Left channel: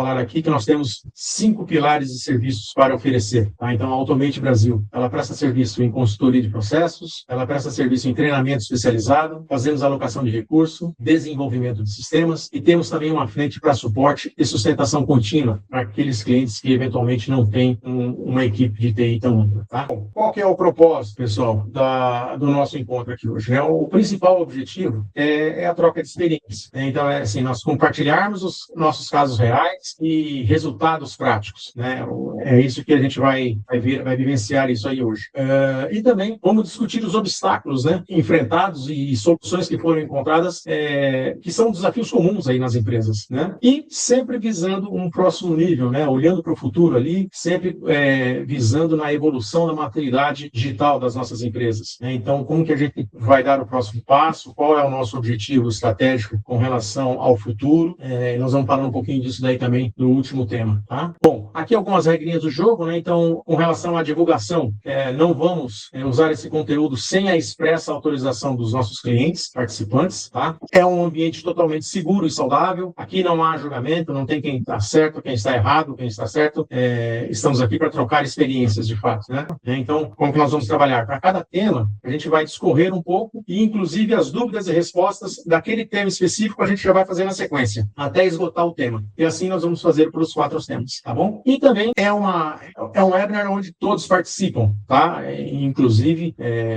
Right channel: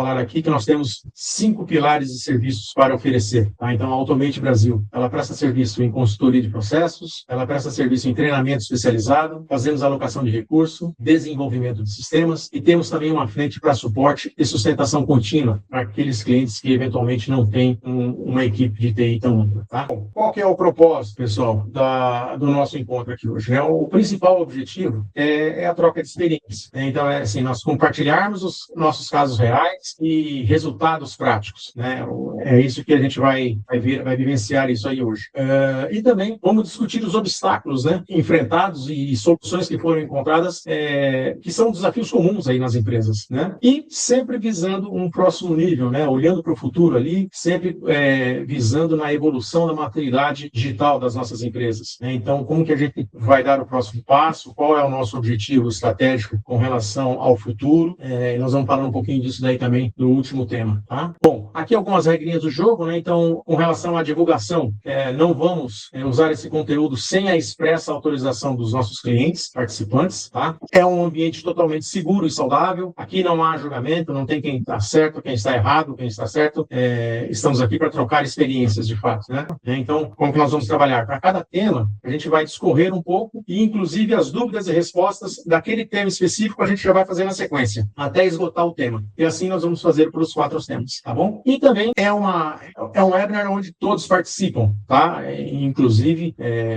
falar aqui que nós temos 5 pilares de serviços para oferecer. Tá? Então, a Automate Brasil, ela presta serviço em consultoria de processos, ela presta serviço em treinamento especializado, fazemos alocação de recurso, desenvolvimento de sistemas e temos também uma frente para suporte e sustentação contínua para aqueles clientes que eventualmente não têm uma equipe de TI tão ampla. Tá? Qual que é o propósito, pessoal, do nosso encontro aqui hoje? Né? O principal objetivo é a troca de experiência. Então, assim, nós compartilharmos os nossos casos reais e resultados práticos. Né? É isso que a gente vai vivenciar isso aí hoje. E também vamos discutir os obstáculos, né, enfrentados e soluções que foram encontradas, que são desafios comuns aí nas empresas. Né? E sempre visando um próximo nível, né? Olhando para o futuro ali, sempre visando na evolução da maturidade digital das nossas empresas. Né? Então, como que a gente vai dar o próximo passo? Qual é o nosso objetivo estratégico com relação ao futuro? Nós vamos falar um pouquinho disso daí também no último tema. Tá? Bom, aqui algumas regrinhas do jogo, né? Então, com relação à divulgação, não vamos usar esse conteúdo sem a expressa autorização dos nossos clientes, participantes. Tá? É um ambiente totalmente seguro e saudável. Aqui não há julgamento, não tem quem está certo, quem está errado, quem está certo. Estamos aqui para trocar experiências, de fato. Né? Então, como que nós vamos trabalhar? Para cada tema, a gente vai discorrer um pouco e, inclusive, as dúvidas e respostas daquele tema específico a gente já vai fazer na sequência, até esgotar o tema. E assim nós vamos fazer para os 4 temas, tá bom? E também é um webinar onde todos participam, tá? Inclusive,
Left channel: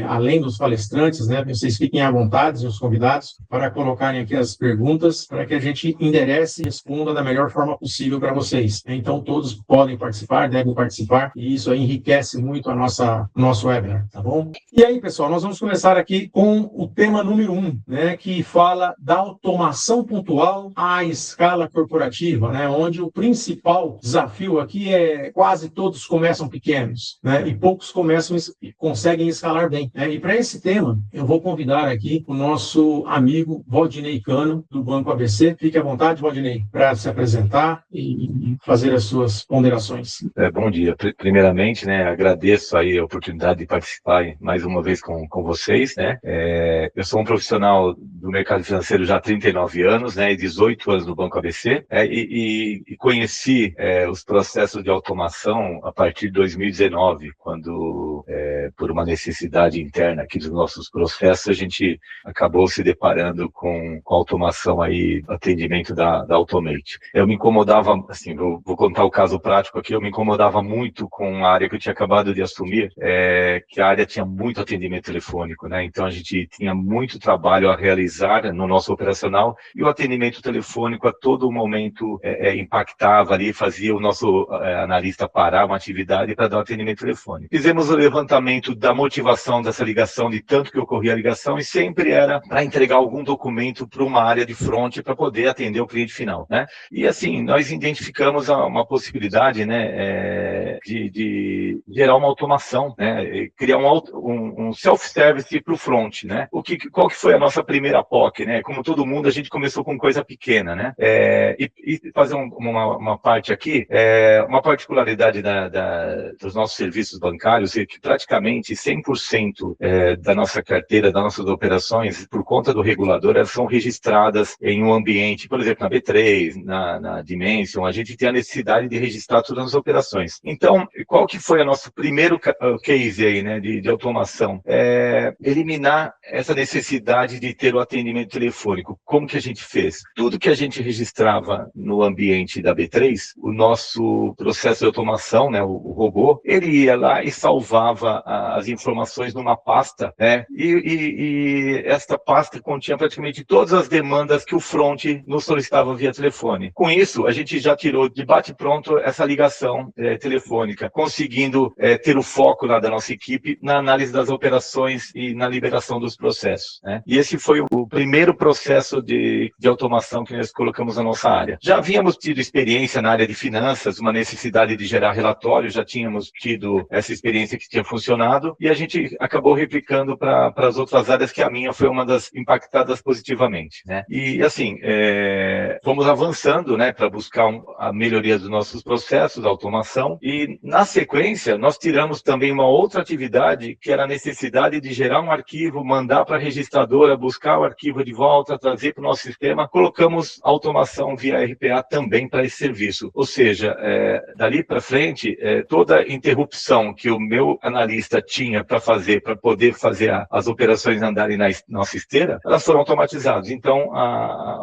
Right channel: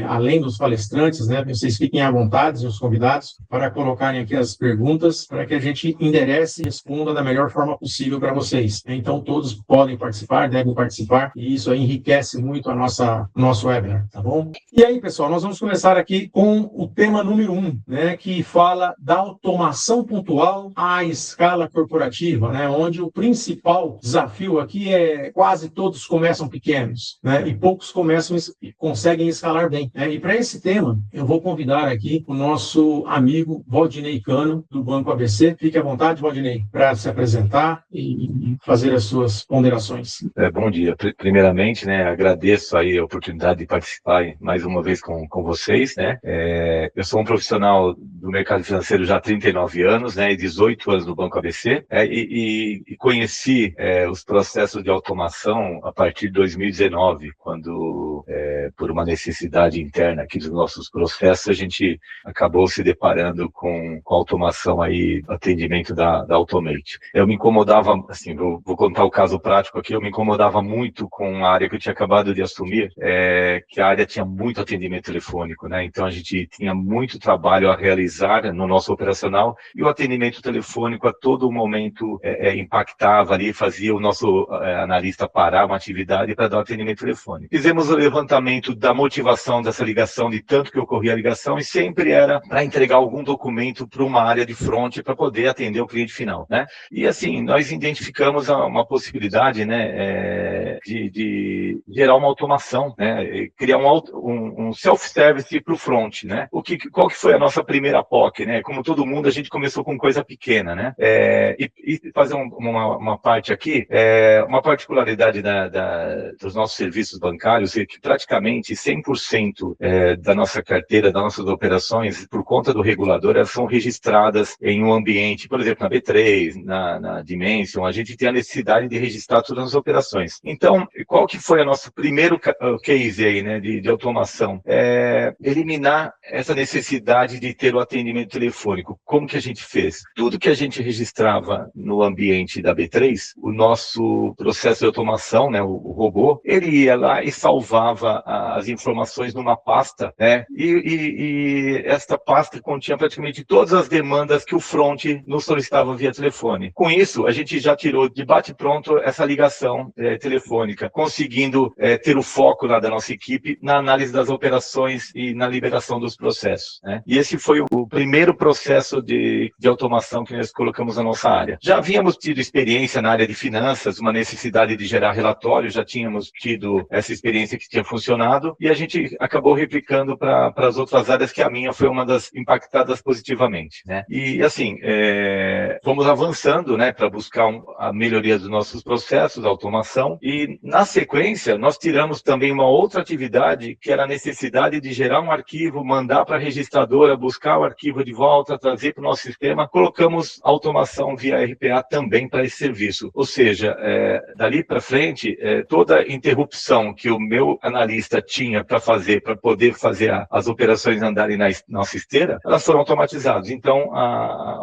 além dos palestrantes, né? Vocês fiquem à vontade, os convidados, para colocarem aqui as perguntas, para que a gente enderece e responda da melhor forma possível para vocês. Então, todos podem participar, devem participar, e isso aí enriquece muito nosso webinar, tá bom? E aí, pessoal, nós vamos começar aqui com o tema número 1, né? Que fala da automação pontual à escala corporativa, né? Onde o principal desafio aqui quase todos começam pequenos, né? E poucos conseguem escalar bem. Né? E para esse tema, eu vou convidar aqui o nosso amigo Valdinei Cano, do Banco ABC. Fique à vontade, Valdinei, para se apresentar e fazer as suas ponderações. Bom dia. Primeiramente, né, agradeço aí a oportunidade de participar mais uma vez com vocês, né? Eu sou um profissional do mercado financeiro já há 39 anos, né, e 18 anos no Banco ABC, e conheci os processos de automação a partir de 2019, quando, por uma necessidade interna aqui dos nossos processos, a gente acabou se deparando com a automação aí, atendimento da Automate. Eu me incomodava, assim, vou contar o caso prático aqui, eu me incomodava muito com a área que eu tinha acabado de assumir, que a área tinha muito atendimento telefônico, né? Então a gente tinha muito trabalho a realizar no nosso operacional e o atendimento telefônico a todo momento impactava ali, fazia o nosso analista parar uma atividade para dar um atendimento telefônico. Fizemos o levantamento da motivação dessa ligação, de tanto que ocorria a ligação, e sempre era para entregar algum documento para uma área de front para poder atender o cliente final, né? E assim, nós identificamos uma possibilidade, né, de gerar uma automação, né, criar um self-service para o front, né? Qual que foi a nossa primeira POC, né? Como todo mundo, a gente começou com coisa pequena, né? E fazer uma parte aqui, uma particularidade dos nossos serviços bancários é que praticamente 100% da nossa carteira, das nossas operações, por conta do regulador, elas são registradas em um ambiente, por exemplo, na B3, na Dimension, a gente tem a necessidade de registrar todas as operações. Então, qual que foi o nosso primeiro case aí, né, de automação? Eliminar essa necessidade de ter o atendimento telefônico. Como que a gente fez? Tudo que a gente registrava no ambiente da B3, o nosso processo de automação, né, o robô, ele ia lá e salvava as informações numa pasta, né, e esta pasta continha praticamente todas as demandas que o front nos solicitava via telefone. Com isso, a gente já tirou de bate-pronto essa ligação telefônica, conseguindo ter o foco lá da nossa equipe na análise das operações e na liberação dos processos, né? E esse foi o primeiro processo de automação que nós colocamos na nossa área. Já havíamos tido experiência na área de finanças, uma necessidade de gerar relatórios, já tínhamos tido essa experiência que tinha funcionado, e a gente acabou replicando para as outras áreas, que a minha foi uma das impactadas positivamente, né? E assim, fomos avançando, né, para buscar a melhoria dos nossos processos, a automação, e na sequência nós tiramos também uma outra atividade, que era a necessidade de gerar um arquivo, mandar para a registradora, buscar o arquivo de volta, trazer para o nosso sistema. Colocamos automação via RPA também. também para esse serviço. Ou seja, dali para frente, toda interrupção que o meu analista tinha para poder fazer as operações andarem na nossa esteira, elas foram automatizadas. Então,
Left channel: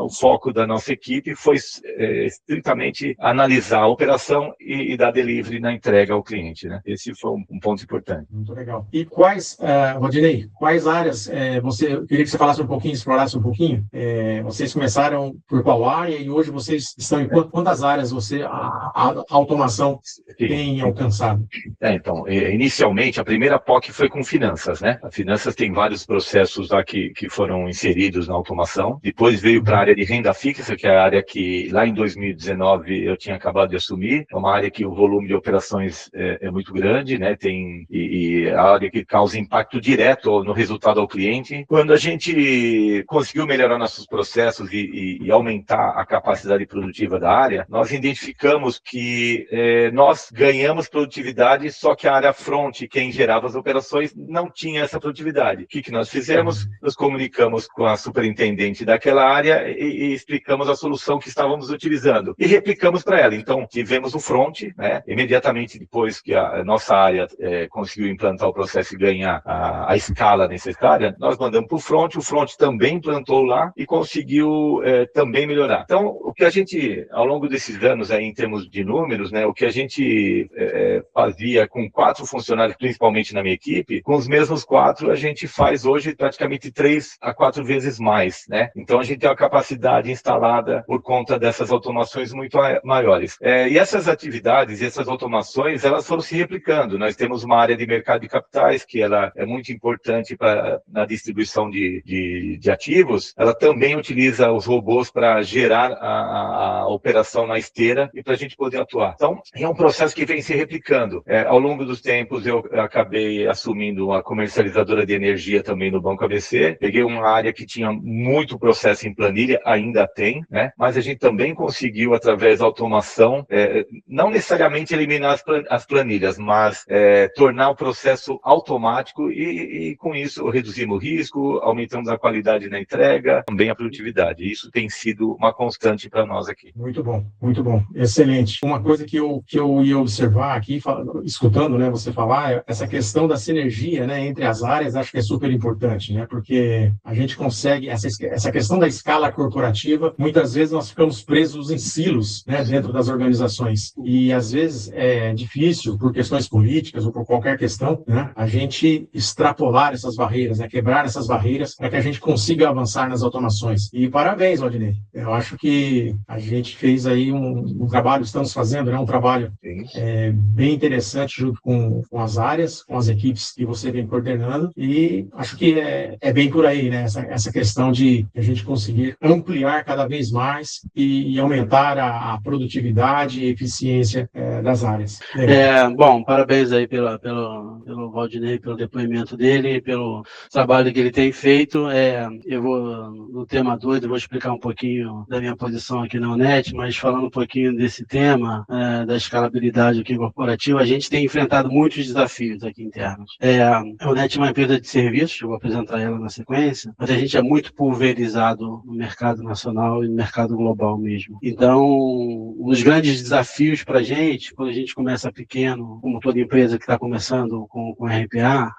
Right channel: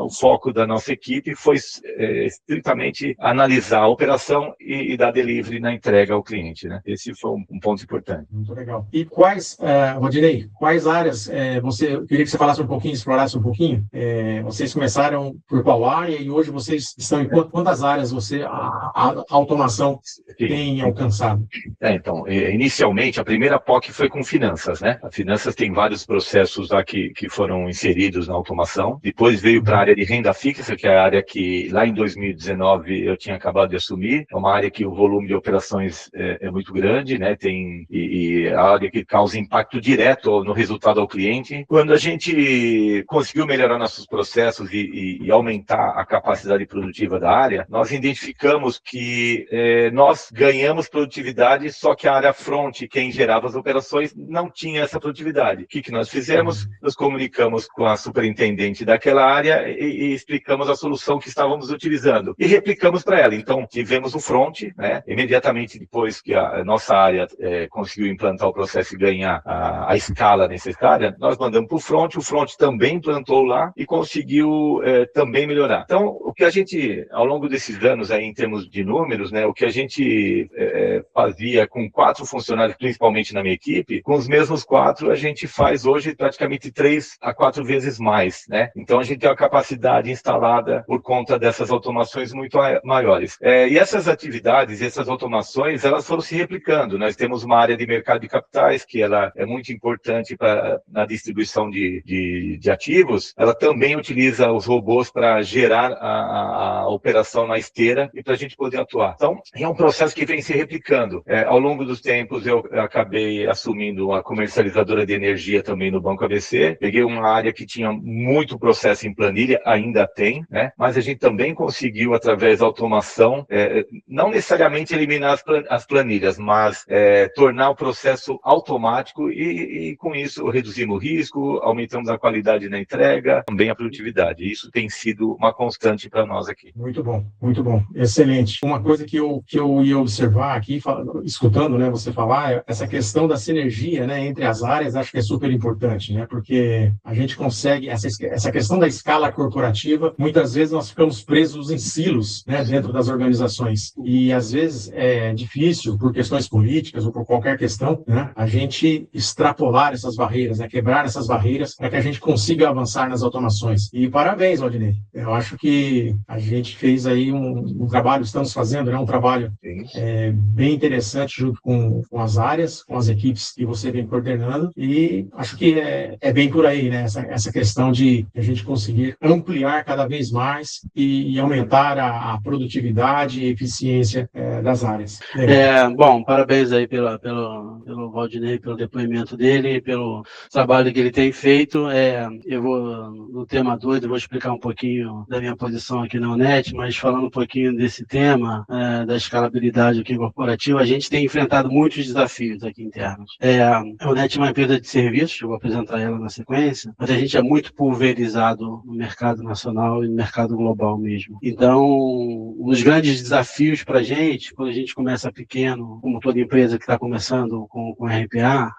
o foco da nossa equipe foi estritamente analisar a operação e dar delivery na entrega ao cliente, né? Esse foi um ponto importante. Muito legal. E Rodinei, quais áreas eu queria que você falasse um pouquinho, explorasse um pouquinho? Vocês começaram por qual área e hoje vocês estão em quantas áreas a automação tem alcançado? Então, inicialmente, a primeira POC foi com finanças, né? A finanças tem vários processos lá que foram inseridos na automação. Depois veio para a área de renda fixa, que é a área que lá em 2019 eu tinha acabado de assumir. É uma área que o volume de operações é muito grande, né? E a área que causa impacto direto no resultado ao cliente. Quando a gente conseguiu melhorar nossos processos e aumentar a capacidade produtiva da área, nós identificamos que nós ganhamos produtividade, só que a área front, quem gerava as operações, não tinha essa produtividade. O que nós fizemos? Nos comunicamos com a superintendente daquela área e explicamos a solução que estávamos utilizando e replicamos para ela. Então, tivemos o front, né? Imediatamente depois que a nossa área conseguiu implantar o processo e ganhar a escala necessária, nós mandamos para o front também implantou lá e conseguiu também melhorar. Então, o que a gente, ao longo desses anos, aí, em termos de números, né, o que a gente fazia com 4 funcionários, principalmente na minha equipe, com os mesmos 4, a gente faz hoje praticamente 3 a 4 vezes mais, né? Então, a gente tem uma capacidade instalada por conta dessas automações muito maiores. E essas atividades, essas automações, elas foram se replicando. Nós temos uma área de mercado de capitais, que ela é muito importante na distribuição de ativos. Ela também utiliza os robôs para gerar a operação na esteira e para a gente poder atuar. Então, é um processo que vem se replicando. Ao longo dos tempos, eu acabei assumindo uma comercializadora de energia também no Banco ABC. Peguei uma área que tinha muito processo em planilha, ainda tem, né? Mas a gente também conseguiu, através da automação, não necessariamente eliminar as planilhas, mas tornar o processo automático e com isso reduzimos o risco, aumentamos a qualidade na entrega, também a produtividade. Isso tem sido uma constante para nós aqui. Muito bom, excelente. Uma coisa que eu ia observar aqui, escutando, né, você falar, essa questão da sinergia, né, entre as áreas, acho que é super importante, né, porque a gente consegue, essa questão da escala corporativa, muitas vezes nós ficamos presos em silos, né, dentro das organizações, e às vezes é difícil, por questões políticas ou por qualquer questão, né, a gente extrapolar essas barreiras, né, quebrar essas barreiras para que a gente consiga avançar nas automações. E parabéns, Rodinei. Eu acho que a gente fez aí um trabalho, estamos fazendo, né, um trabalho bem interessante junto com as áreas, com as equipes que você vem coordenando, e acho que é bem por aí, né, essa questão de a gente conseguir ampliar cada vez mais e aumentar a produtividade e eficiência das áreas. Bom, parabéns aí pelo Valdinei, pelo depoimento dele, pelo trabalho que ele tem feito. Eu vou, no tema 2, eu vou explicar um pouquinho da minha posição aqui na Onet, mas falando um pouquinho desse tema, da escalabilidade aqui corporativa, a gente tem enfrentado muitos desafios aqui internos. A Onet é uma empresa de serviços, eu vou apresentar ela na sequência, mas a gente é muito pulverizado no mercado nacional e no mercado global mesmo. Então, um dos grandes desafios para a gente, quando a gente começa pequeno, como toda empresa que está começando com RPA,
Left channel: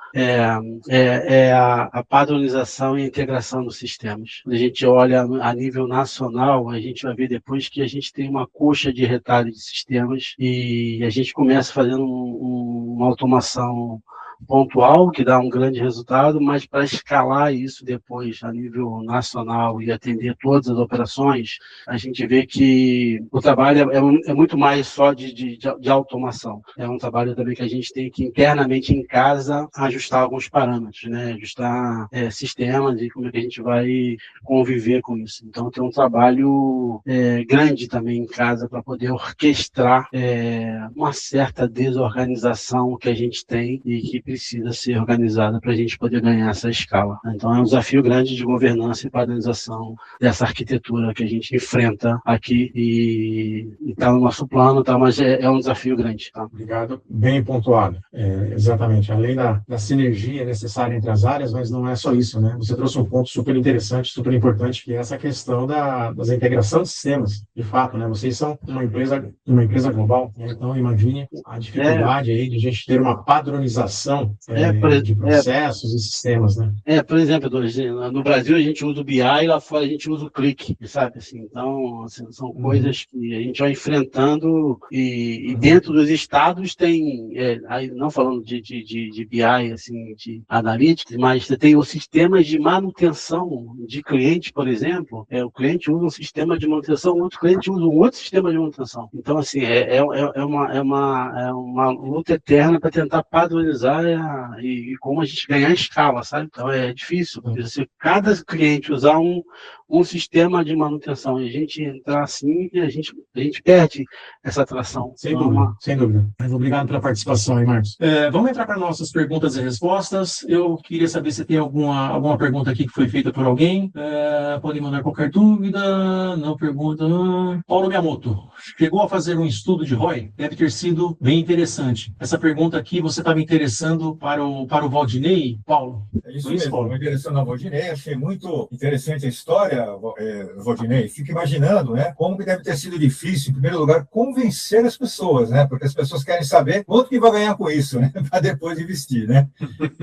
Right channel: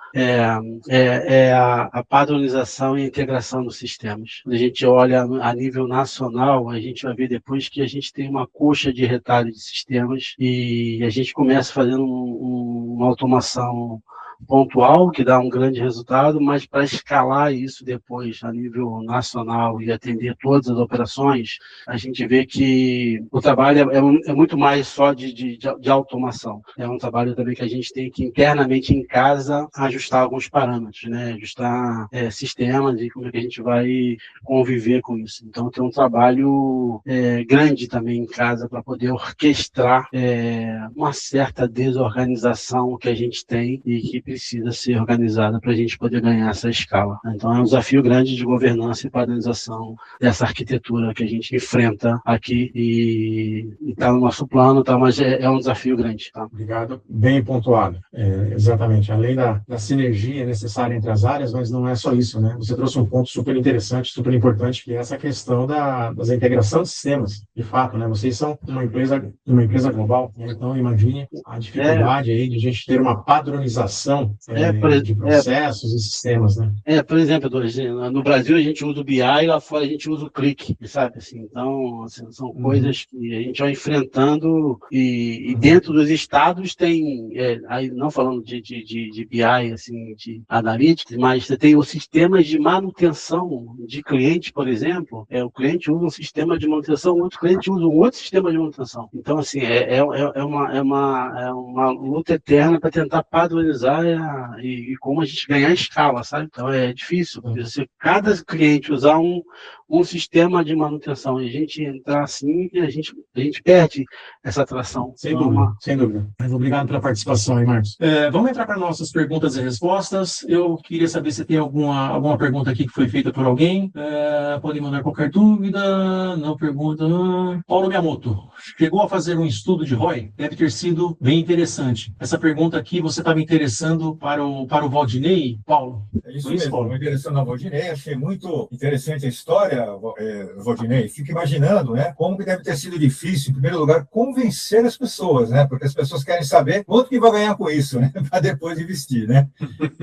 é a padronização e a integração dos sistemas. Quando a gente olha a nível nacional, a gente vai ver depois que a gente tem uma coxa de retalho de sistemas e a gente começa fazendo uma automação pontual, que dá um grande resultado, mas para escalar isso depois a nível nacional e atender todas as operações, a gente vê que o trabalho é muito mais só de automação. É um trabalho também que a gente tem que internamente em casa ajustar alguns parâmetros, né? Ajustar sistemas e como é que a gente vai conviver com isso. Então tem um trabalho grande também em casa para poder orquestrar uma certa desorganização que a gente tem e que precisa ser organizada para a gente poder ganhar essa escala. Então, é um desafio grande de governança e padronização dessa arquitetura que a gente enfrenta aqui e está no nosso plano, tá? Mas é um desafio grande. Tá? Obrigado, bem pontuado. Exatamente, além da sinergia necessária entre as áreas, mas não é só isso, né? Você trouxe um ponto super interessante, super importante, que é essa questão da integração de sistemas, de fato, né? Vocês são uma empresa global, né? Então imagine a dificuldade aí de a gente ter uma padronização de processos e sistemas, né? Por exemplo, no Brasil a gente usa o BI e lá fora a gente usa o Click, sabe? Assim, então, assim, são coisas que a gente vai enfrentando e dentro dos estados tem, aí não falando de BI, assim, de analytics, mas você tem os sistemas de manutenção de cliente, por exemplo, o cliente usa um sistema de manutenção, outro cliente usa um outro sistema de manutenção. Então, assim, é uma luta eterna para tentar padronizar e como a gente ganhar escala, sabe? Então, é difícil, porque se cada cliente usar um sistema de manutenção e a gente entrar assim, a gente perde essa atração. Sem dúvida, sem dúvida. Mas obrigado pela participação aí, Marcos. Vamos entrar para nossas perguntas e respostas. Eu queria saber se tem alguma pergunta aqui que foi feita por alguém. Podem mandar qualquer dúvida. Não pergunta. Paulo Miyamoto, chegou a fazer um estudo de ROI? Deve ter sido bem interessante. Essa pergunta aqui você estava interessando para o Valdinei, Paulo? É isso mesmo, estou interessando ao Valdinei. Achei muito interessante a história, Valdinei. Fico imaginando, né, como que deve ter sido difícil, em primeiro lugar, convencer as pessoas, né? Porque as pessoas querem saber quanto que vai ganhar com isso, né? Para depois investir, né?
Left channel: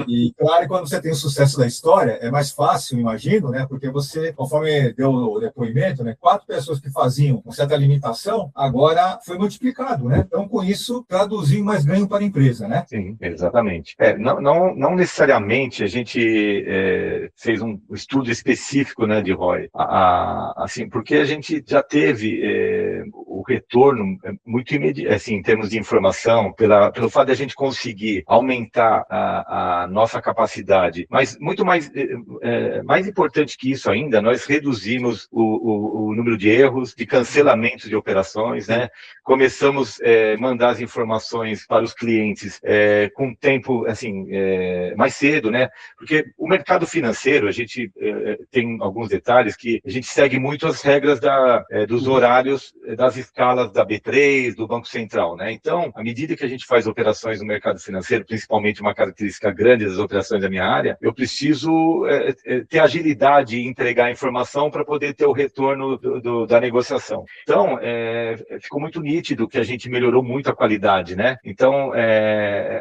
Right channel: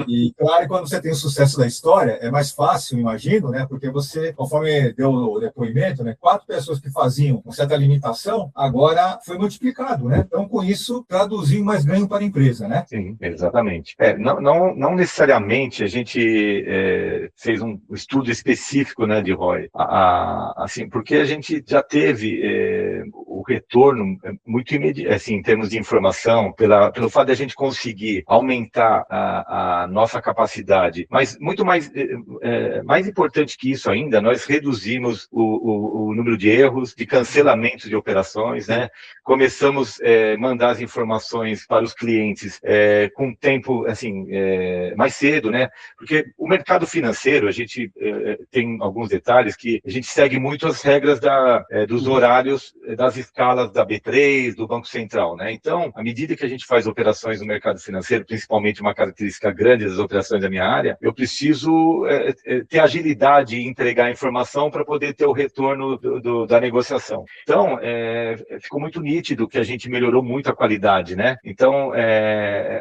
E claro, quando você tem o sucesso da história, é mais fácil, imagino, né? Porque você, conforme deu o depoimento, né, 4 pessoas que faziam uma certa limitação, agora foi multiplicado, né? Então, com isso, traduziu mais ganho para a empresa, né? Sim, exatamente. Não necessariamente a gente fez um estudo específico, né, de ROI, assim, porque a gente já teve o retorno muito imediato, assim, em termos de informação, pelo fato de a gente conseguir aumentar a nossa capacidade, mas muito mais importante que isso ainda, nós reduzimos o número de erros, de cancelamentos de operações, né? Começamos a mandar as informações para os clientes com tempo, assim, mais cedo, né? Porque o mercado financeiro, a gente tem alguns detalhes que a gente segue muito as regras dos horários das escalas da B3, do Banco Central, né? Então, à medida que a gente faz operações no mercado financeiro, principalmente uma característica grande das operações da minha área, eu preciso ter agilidade e entregar a informação para poder ter o retorno da negociação. Então, ficou muito nítido que a gente melhorou muito a qualidade, né? Então,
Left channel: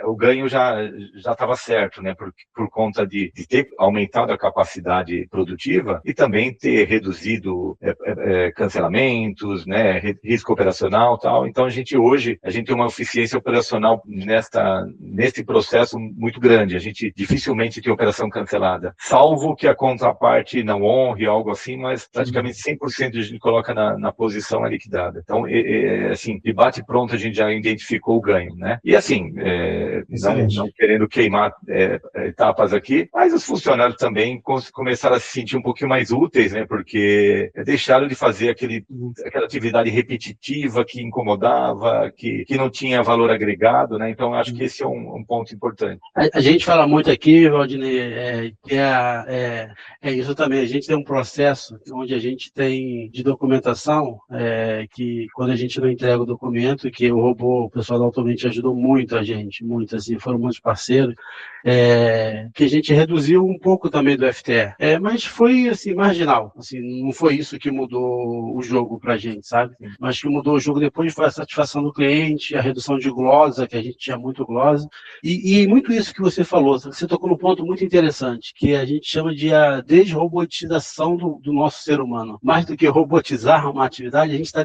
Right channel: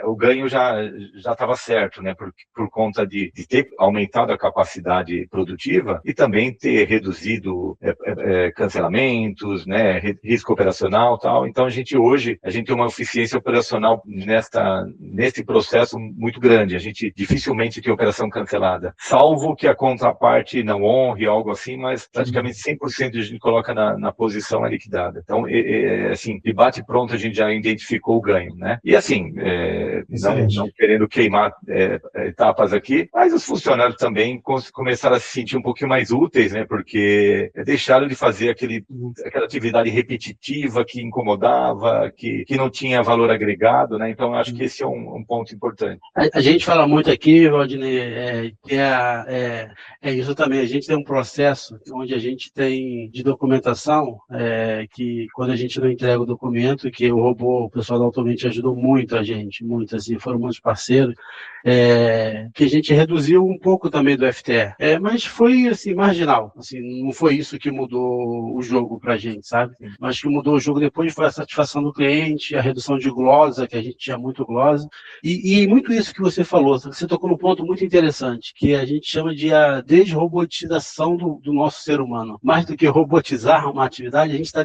o ganho já estava certo, né? Por conta de ter aumentado a capacidade produtiva e também ter reduzido cancelamentos, né? Risco operacional e tal. Então, hoje a gente tem uma eficiência operacional nesse processo muito grande. A gente dificilmente tem operação cancelada, salvo que a contraparte não honre, algo assim, mas praticamente 100% a gente coloca na posição liquidada. Então, assim, de bate pronto a gente já identificou o ganho, né? E assim, não querendo queimar etapas aqui, mas os funcionários também começaram a se sentir um pouquinho mais úteis, né? Porque deixaram de fazer aquela atividade repetitiva que incomodava, que não tinha valor agregado, né? Então, acho que esse é um ponto importante. A gente fala muito aqui, Valdinei, que é isso também. A gente tem um processo onde a gente tem de documentação, que quando a gente não entrega o documento, que o pessoal da Automate ajudou muito a gente, muito, assim, foram muitos parceiros, que a gente reduziu um pouco também do FTE, mas foi, assim, marginal, assim, não foi isso que mudou o jogo pra gente, sabe? Mas que mudou o jogo depois foi a satisfação do cliente, a redução de glosa, que a gente tinha muito glosa, e muito isso que você falou, você tocou num ponto muito interessante, que a gente chama de a desrobotização do nosso ser humano. Mais do que robotizar uma atividade, a gente está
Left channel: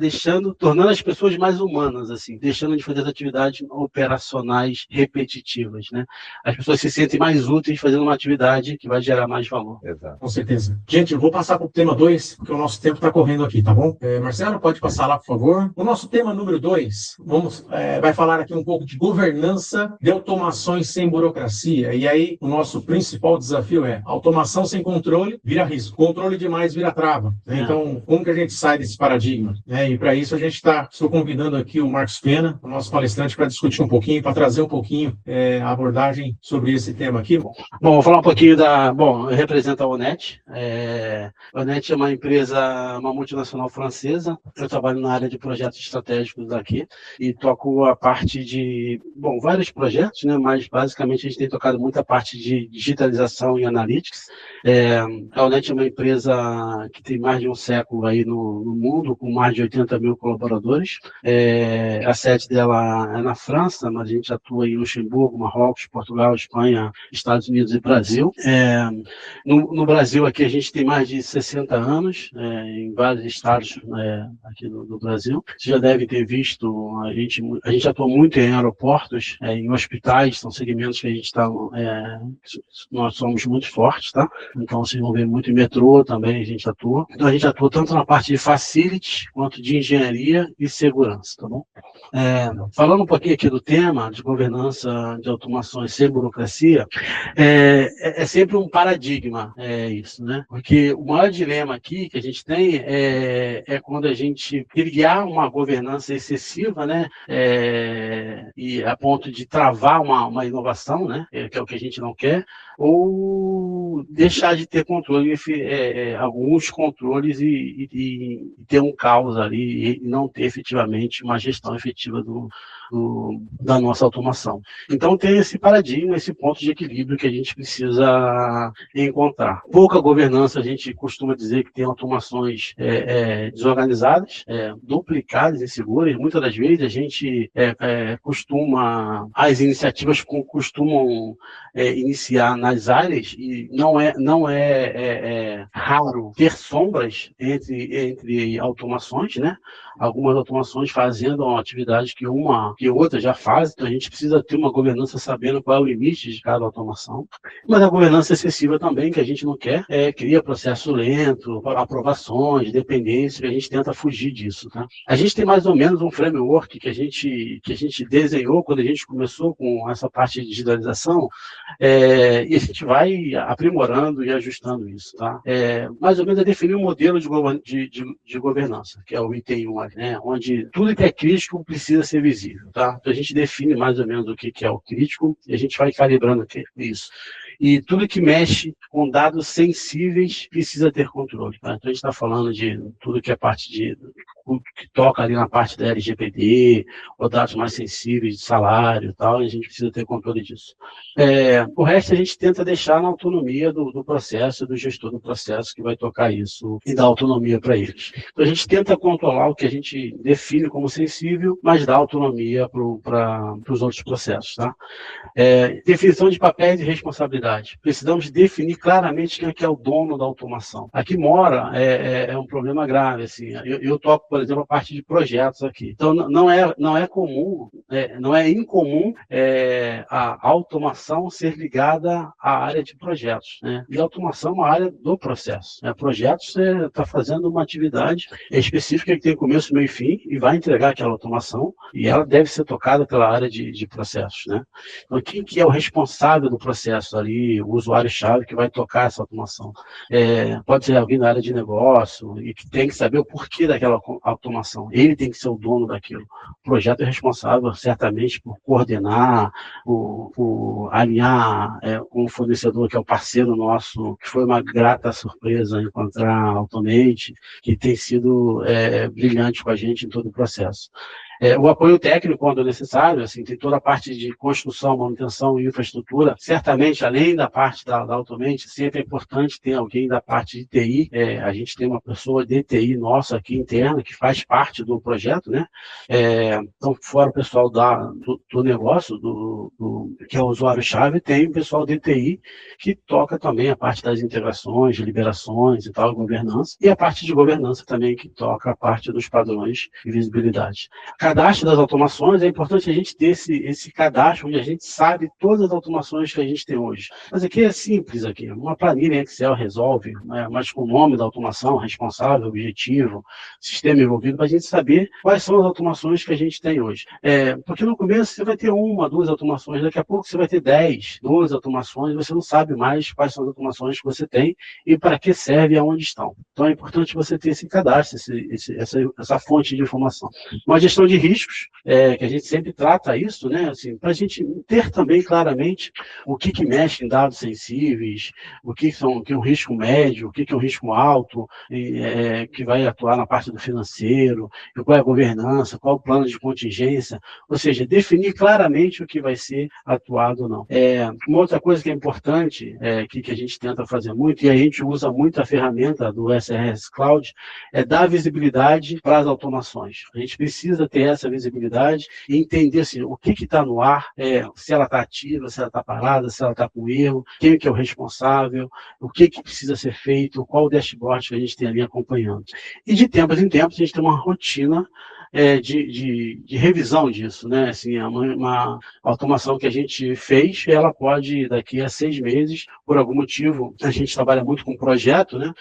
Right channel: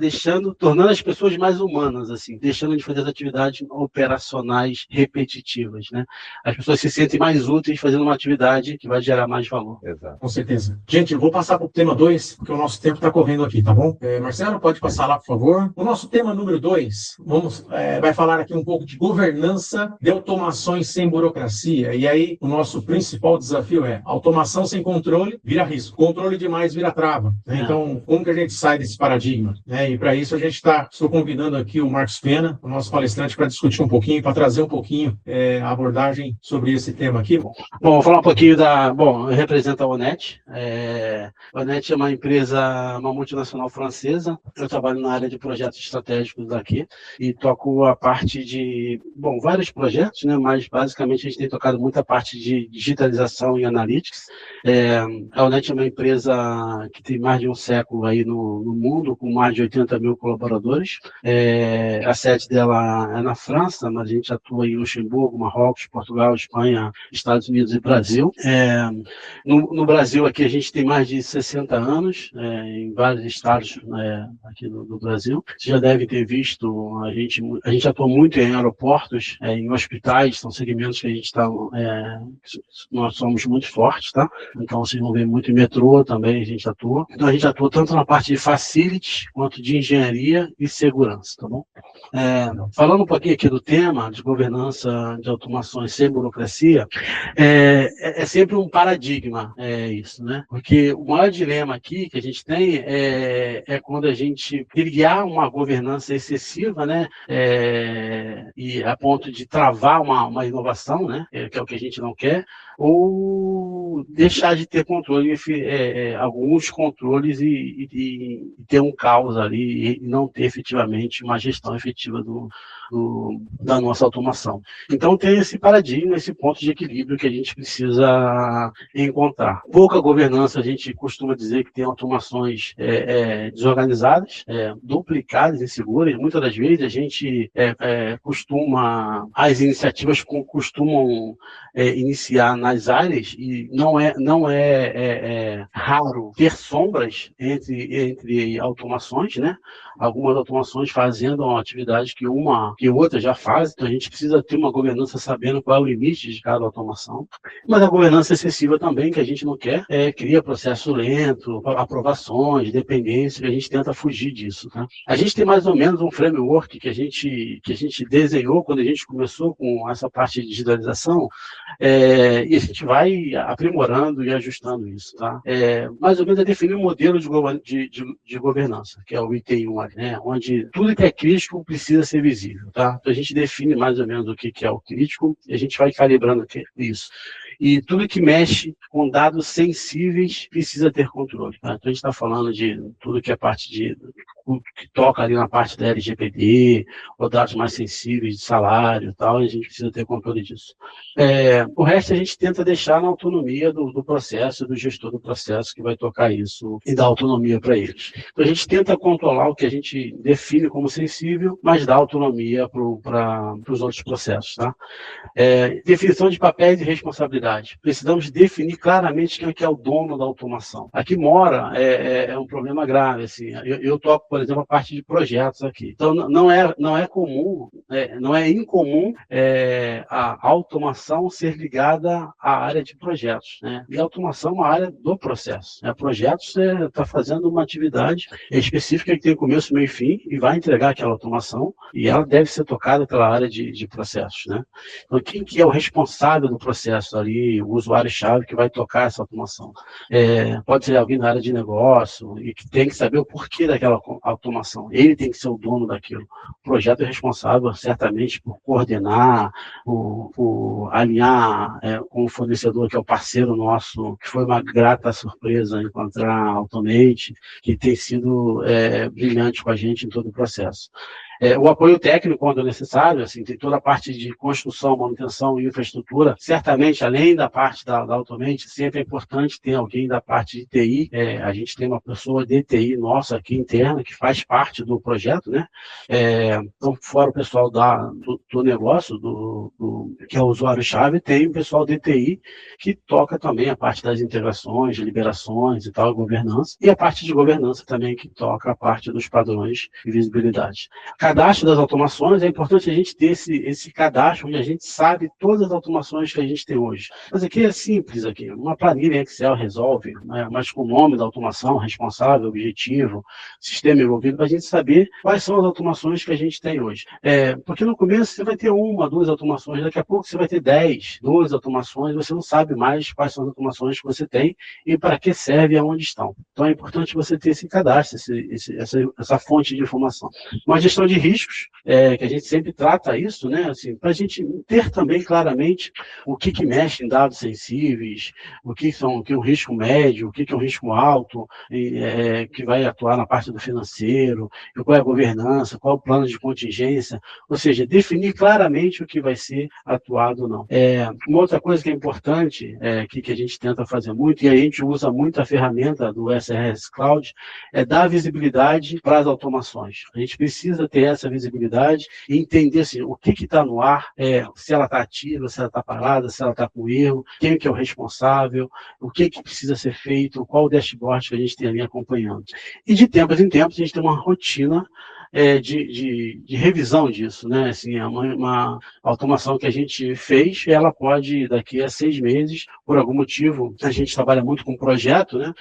tornando as pessoas mais humanas, assim, deixando de fazer as atividades operacionais repetitivas, né? As pessoas se sentem mais úteis fazendo uma atividade que vai gerar mais valor. Exato. Com certeza. Gente, eu vou passar para o tema 2, porque o nosso tempo está correndo aqui, tá bom? Marcelo, pode passar lá, por favor. favor. O nosso tema número 2, vai falar aqui um pouco de governança de automações sem burocracia. E aí, o nosso principal desafio é automação sem controle vira risco. Controle demais vira trava. Né? Então, como que a gente sai desse paradigma? Né? E para isso, estou convidando aqui o Marcos Pena, o nosso palestrante, para discutir um pouquinho, para trazer um pouquinho a abordagem sobre esse tema aqui. Bom, vou falar um pouquinho eu represento a Onet. A Onet é uma empresa, uma multinacional francesa. Eu trabalho na área de projetos estratégicos daqui e toco a parte de, vários projetos, né? Mas basicamente a gente tem tocado muita parte de digitalização e analytics. A Onet é uma empresa que tem mais de um século aí no mundo, com mais de 80 mil colaboradores. A sede dela é na França, mas a gente atua em Luxemburgo, Marrocos, Portugal, Espanha, Estados Unidos e Brasil. No Brasil, aqui a gente tem mais de 60 anos, em vários estados aqui do Brasil. Vocês já devem ter visto, a gente atua muito em aeroportos, em hospitais, são segmentos que a gente está, nós somos muito fortes, tá? Então, vocês vão ver muito em metrô também, a gente atua. Então, a gente atua tanto na parte de facilities, quanto de engenharia e segurança, tá bom? Falando um pouquinho aqui do tema de governança de automações sem burocracia, é sempre um paradigma isso, né? Porque o maior dilema aqui que a gente tem é quando a gente criar uma governança excessiva, né? E a ponto de travar uma inovação, né? Que é o que a gente não quer, ou deixar de ter controle, alguns controles e ter um caos ali e não ter efetivamente uma gestão efetiva da nossa automação. Então tem esse paradigma, esse ponto de equilíbrio que a gente precisa encontrar. Pouca governança, a gente costuma dizer que tem automações desorganizadas, duplicadas, inseguras. Muitas das vezes a gente as iniciativas costumam iniciar nas áreas e não é raro ter sombras entre automações, né? Algumas automações fazendo uma atividade que outra já faz, então a gente precisa ter uma governança sabendo qual é o limite de cada automação. Mas a governança excessiva também, que a gente não quer, cria processo lento, aprovações, dependência, que a gente tenta fugir disso. Tá? A gente tem mais ou menos um framework que a gente desenhou quando a gente começou com essa parte de digitalização, e a gente vai aprimorando e ajustando isso. Tá? Mais ou menos é definir um modelo de governança, que é o ITI1, né? Onde tudo que é crítico precisa ser visível. Tá? Então a gente define mais ou menos o que é o crítico e a gente vai calibrando isso. E tudo que mexe com dados sensíveis precisa ter controle. Tá? Então a gente está falando de tudo que é parte que toca ali na parte da LGPD, ou dados mais sensíveis de salário e tal, e a gente precisa ter controle disso. O resto a gente tenta deixar na autonomia do processo, do gestor do processo que vai tocar isso e dar autonomia para eles. Então a gente tenta controlar o que a gente define como sensível, mas dá autonomia para os outros processos. Tá? Definição de papéis e responsabilidade. Precisamos definir claramente quem é que é o dono da automação. Aqui mora um problema grave. Assim. Eu toco, por exemplo, a parte de projetos aqui. Então, não é comum, não é incomum a automação ser ligada à área de projetos. Né? E a automação é uma área do processo. Projetos, você está fazendo uma atividade específica que tem começo, meio e fim e vai entregar aquela automação e ela deve ser tocada pela área de processos. Né? Então, quem que é o responsável do processo ali, o usuário-chave que vai tocar essa automação? Pode ser alguém da área de negócio e que tem que saber o porquê daquela automação. Ele tem que ser o dono daquilo. O projeto é responsável, certamente, por coordenar, por alinhar com o fornecedor, que é o parceiro nosso, que foi uma grata surpresa encontrar a Automate, que tem sido brilhante com a gente em todo o processo. O apoio técnico, quando necessário, assim, tem toda a parte de construção, manutenção e infraestrutura. Certamente, além da parte da Automate, sempre é importante ter alguém da parte de TI. A gente tem uma pessoa de TI nossa aqui interna, que faz parte do projeto, né? Então, fora o pessoal do negócio, que é o usuário-chave, tem o pessoal de TI, que toca também a parte das integrações, de liberações e tal, governança. E a parte de governança também, que toca a parte dos padrões e visibilidade. cadastro das automações, é importante a gente ter esse cadastro onde a gente sabe todas as automações que a gente tem hoje. Mas aqui é simples, aqui, uma planilha em Excel resolve, né? Mas com o nome da automação, responsável, objetivo, sistema envolvido, para a gente saber quais são as automações que a gente tem hoje. Porque no começo você vai ter 1, 2 automações, daqui a pouco você vai ter 10, 12 automações, você não sabe mais quais são as automações que você tem e para que serve e aonde estão. Então é importante você ter esse cadastro, essa fonte de informação. Uma gestão de riscos, que a gente sempre trata isso, né? Assim, para a gente ter também claramente o que mexe em dados sensíveis, o que é um risco médio, o que é um risco alto, que vai atuar na parte do financeiro, qual é a governança, qual é o plano de contingência, ou seja, definir claramente o que vai ser atuado ou não. Uma outra coisa que é importante, que a gente tenta fazer muito, e a gente usa muito a ferramenta do SRS Cloud, é dar visibilidade para as automações. A gente precisa ter essa visibilidade e entender assim, o que está no ar, se ela está ativa, se ela está parada, se ela está com erro, quem que é o responsável, o que precisa ser feito, qual o dashboard que a gente tem ali acompanhando. E de tempos em tempos a gente tem uma rotina de revisão disso, né? Assim, é uma automação que a gente fez, ela pode, daqui a 6 meses, por algum motivo, a gente trabalha muito com projeto, né?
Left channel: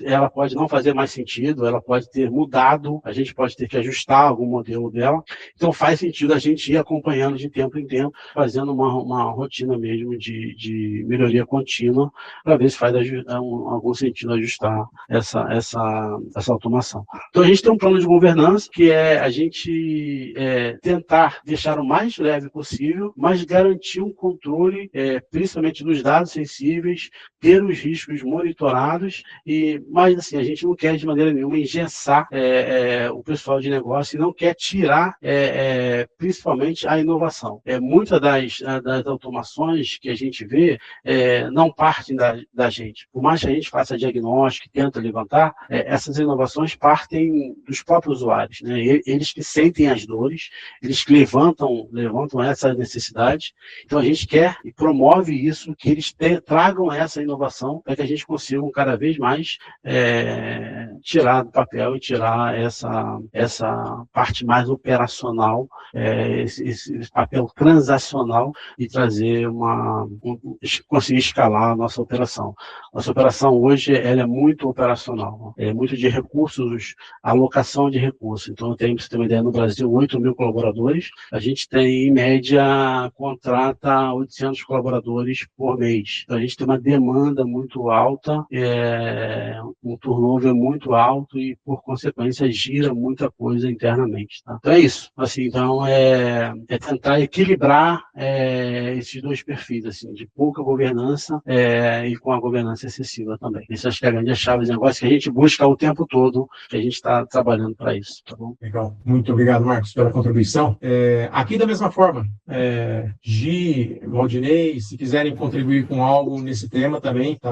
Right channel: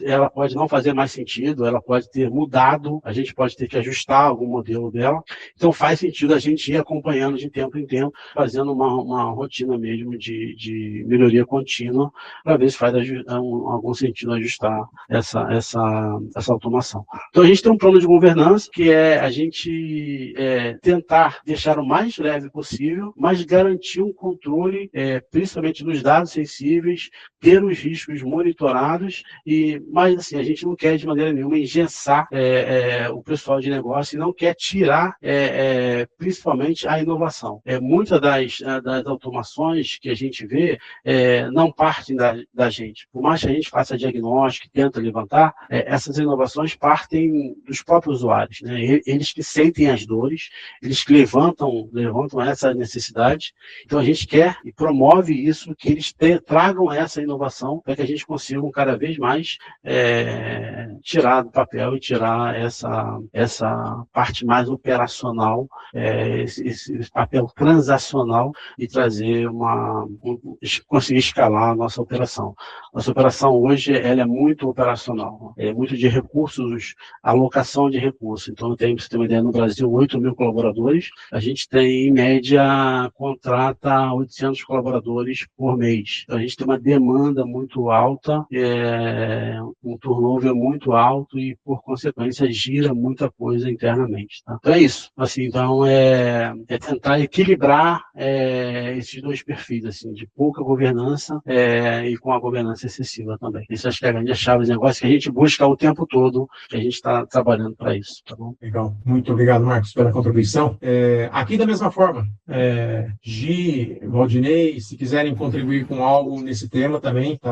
Ela pode não fazer mais sentido, ela pode ter mudado, a gente pode ter que ajustar algum modelo dela, então faz sentido a gente ir acompanhando de tempo em tempo, fazendo uma rotina mesmo de melhoria contínua, para ver se faz algum sentido ajustar essa automação. Então a gente tem um plano de governança, que é a gente tentar deixar o mais leve possível, mas garantir um controle, principalmente dos dados sensíveis, ter os riscos monitorados, mas assim, a gente não quer de maneira nenhuma engessar o pessoal de negócio e não quer tirar principalmente a inovação. Muitas das automações que a gente vê não partem da gente. Por mais que a gente faça diagnóstico, tenta levantar, essas inovações partem dos próprios usuários. Né? Eles que sentem as dores, eles que levantam essa necessidade. Então a gente quer e promove isso, que eles tragam essa inovação para que a gente consiga cada vez mais tirar do papel e tirar essa parte mais operacional, esse papel transacional e trazer conseguir escalar a nossa operação. Nossa operação hoje ela é muito operacional, é muito de recursos, alocação de recursos. Então, para você ter uma ideia, no Brasil, 8 mil colaboradores, a gente tem, em média, contrata 800 colaboradores por mês. Então, a gente tem uma demanda muito alta, um turnover muito alto e, por consequência, gira muita coisa internamente. Tá? Então, é isso. Assim, então, é tentar equilibrar esses dois perfis, assim, de pouca governança e com a governança excessiva também. Isso acho que é a grande chave de negócio que a gente busca o tempo todo, que a gente está trabalhando para isso. Tá bom? Legal. Muito obrigado, Marcos, pela contribuição. Aqui, da mesma forma, Gi, Valdinei, se quiserem contribuir com algo nesse tema também, tá?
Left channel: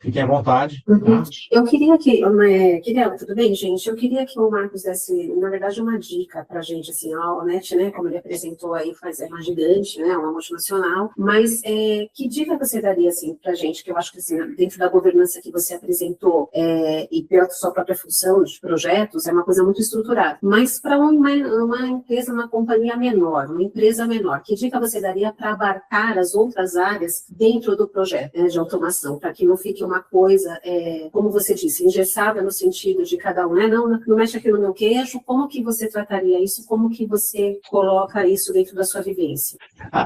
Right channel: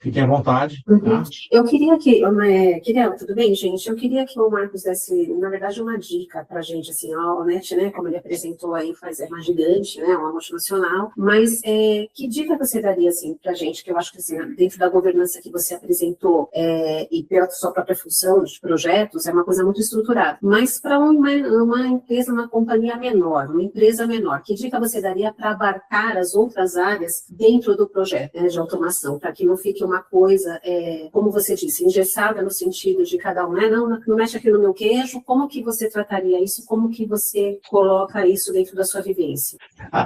Fiquem à vontade. Uhum. Tá? Eu queria tudo bem, gente? Eu queria que o Marcos desse, na verdade, uma dica para a gente, assim, a Allnet, né, como ele apresentou aí, é uma gigante, né, uma multinacional, mas que dica você daria, assim, para a gente, que eu acho que, assim, dentro da governança que você apresentou e pela sua própria função de projetos, é uma coisa muito estruturada, mas para uma empresa, uma companhia menor, uma empresa menor, que dica você daria para abarcar as outras áreas dentro do projeto, né, de automação, para que não fique uma coisa, como você disse, engessada no sentido de cada um, né? Não mexe aqui no meu queijo, como que você trataria isso, como que você coloca isso dentro da sua vivência?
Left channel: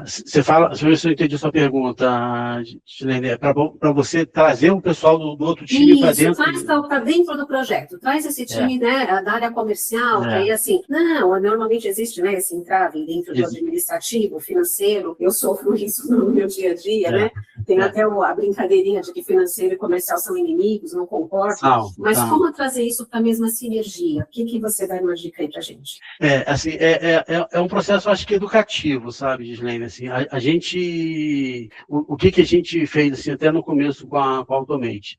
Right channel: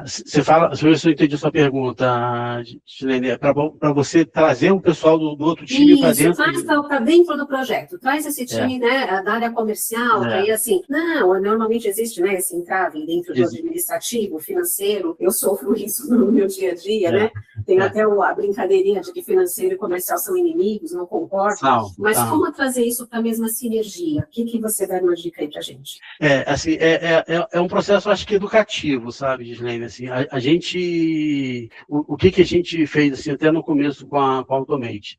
Você fala, deixa eu ver se eu entendi a sua pergunta, Gilene, para você trazer o pessoal do outro time para dentro. Traz para dentro do projeto, traz esse time, né, da área comercial, aí assim, normalmente existe, né, esse entrave dentro do administrativo, financeiro, eu sofro isso no meu dia a dia, né, tem até a brincadeirinha de que financeiro e comercial são inimigos, não concordam, mas como trazer isso para a mesma sinergia? O que você dá uma dica aí para a gente? Assim, é um processo, acho que educativo, sabe, Gislene, assim, a gente, o que a gente fez, assim, até no começo com a Automate,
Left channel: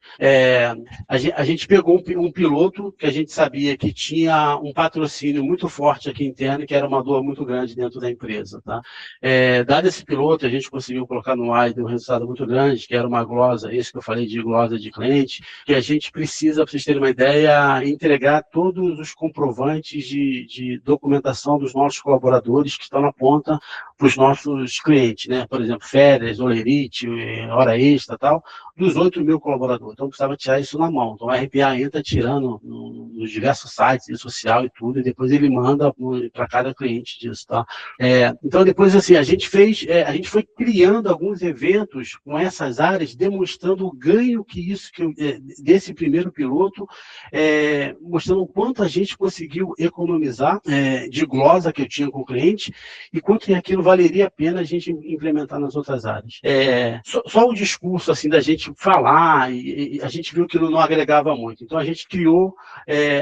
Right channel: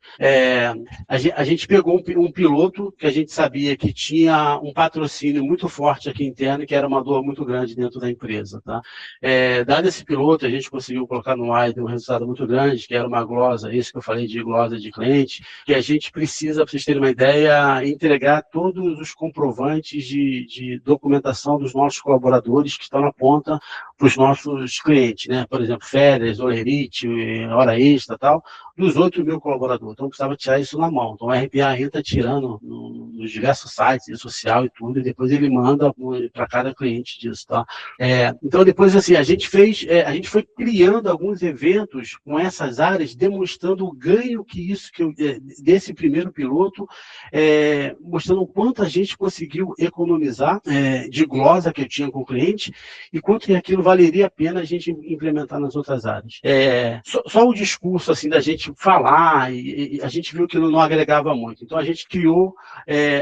a gente pegou um piloto que a gente sabia que tinha um patrocínio muito forte aqui interno, que era uma dor muito grande dentro da empresa. Tá? Dado esse piloto, a gente conseguiu colocar no ar e deu um resultado muito grande, que era uma glosa, isso que eu falei de glosa de cliente, que a gente precisa, para vocês terem uma ideia, entregar todos os comprovantes de documentação dos nossos colaboradores que estão na ponta para os nossos clientes, né? Por exemplo, férias, olerite, hora extra, tal, dos 8 mil colaboradores. Então, precisava tirar isso na mão. Então, o RPA entra tirando nos diversos sites, social e tudo, e depois ele manda para cada cliente disso, tá? Então, depois, assim, a gente foi criando alguns eventos com essas áreas, demonstrando o ganho desse primeiro piloto, mostrando o quanto a gente conseguiu economizar de glosa que eu tinha com o cliente e quanto aquilo valeria a pena a gente implementar nas outras áreas. Só o discurso, assim, da gente falar, e a gente viu que não agregava muito. Então, a gente criou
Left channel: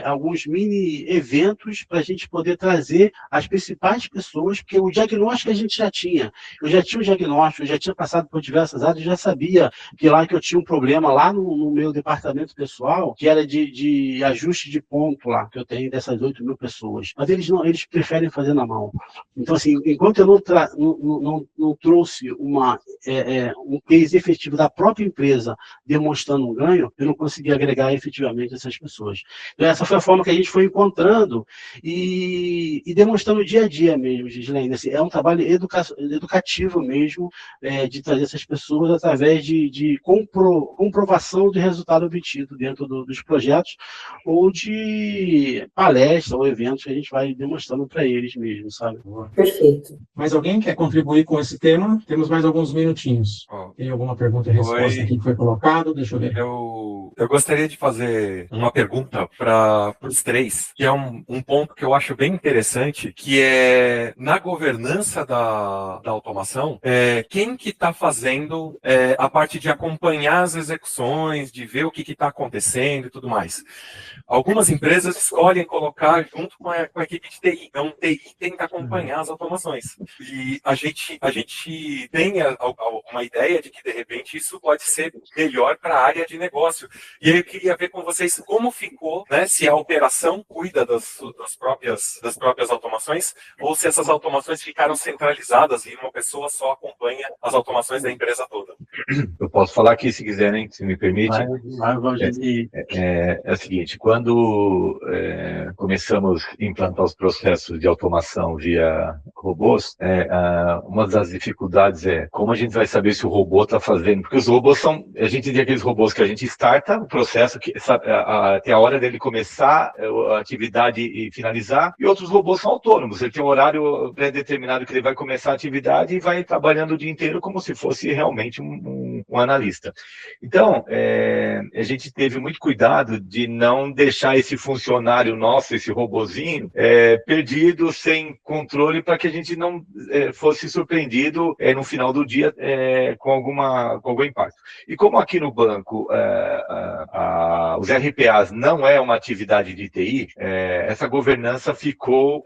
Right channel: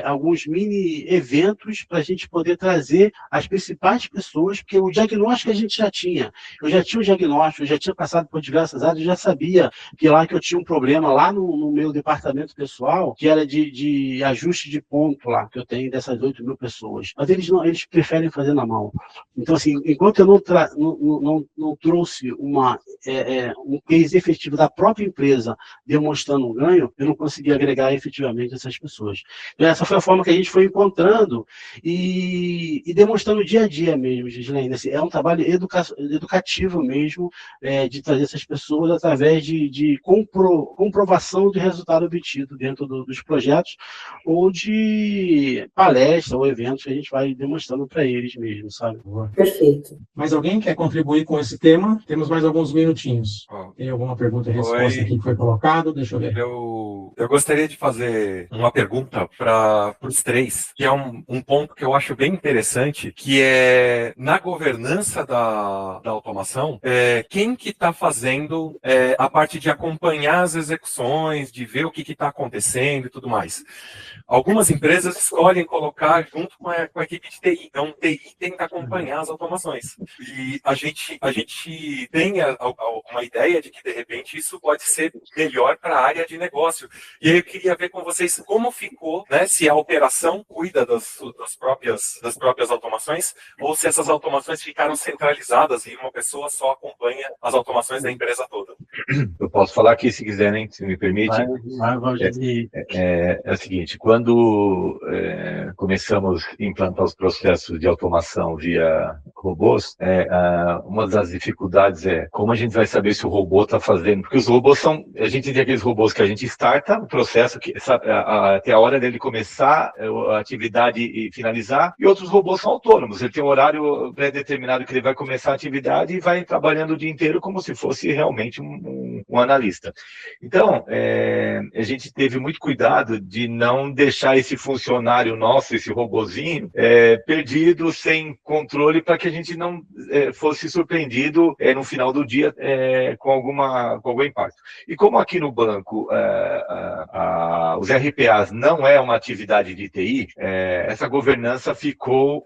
alguns mini eventos para a gente poder trazer as principais pessoas, porque o diagnóstico a gente já tinha. Eu já tinha o diagnóstico, eu já tinha passado por diversas áreas, eu já sabia que eu tinha um problema lá no meu departamento pessoal, que era de ajuste de ponto lá, que eu tenho dessas 8 mil pessoas. Mas eles preferem fazer na mão. Então, assim, enquanto eu não trouxe um case efetivo da própria empresa demonstrando um ganho, eu não consegui agregar efetivamente essas pessoas. Então, essa foi a forma que a gente foi encontrando e demonstrando dia a dia mesmo, Gislaine. Assim, é um trabalho educativo mesmo, de trazer essas pessoas através de comprovação do resultado obtido dentro dos projetos ou de palestra ou eventos que a gente vai demonstrando para eles mesmo, sabe? Perfeito. Mais alguém quer contribuir com esse tema? Temos mais alguns minutinhos. Tem alguma pergunta e resposta aqui que foi colocada? Deixa eu ver. Eu gostaria de fazer uma pergunta para os três, que é um ponto que eu acho bem interessante, que é na governança da automação, quem que está fazendo a parte de acompanhar as execuções, de ver o que está acontecendo e tudo mais. Algumas empresas escolhem colocar junto com a equipe de TI. Então, TI tem que acompanhar as automações. E a gente tem uma ideia de que, de repente, isso pode ser melhor para a área de negócio. E aí eu queria ver com vocês como ficou, né, se a operação cuida das próprias automações ou se essas automações ficaram centralizadas e uma pessoa só acompanha as automações da empresa toda. Eu posso falar aqui, se quiser, né, se me permite. É o seguinte, quando começamos a implantar os processos de automação via robôs, uma das dificuldades é como a gente vai saber se o robô está fazendo, porque os robôs a gente tem aqueles robôs que a gente starta o processo, até a hora dele começar a atividade e finalizar, e outros robôs são autônomos, ele tem um horário pré-determinado que ele vai começar a atividade e vai trabalhando o dia inteiro como se fosse realmente um analista. Então, a gente teve muito cuidado de não deixar esse funcionário nosso, esse robozinho, perdido, sem controle, para que a gente não fosse surpreendido no final do dia com algum impacto. E como aqui no banco os RPAs não é uma atividade de TI, essa governança ficou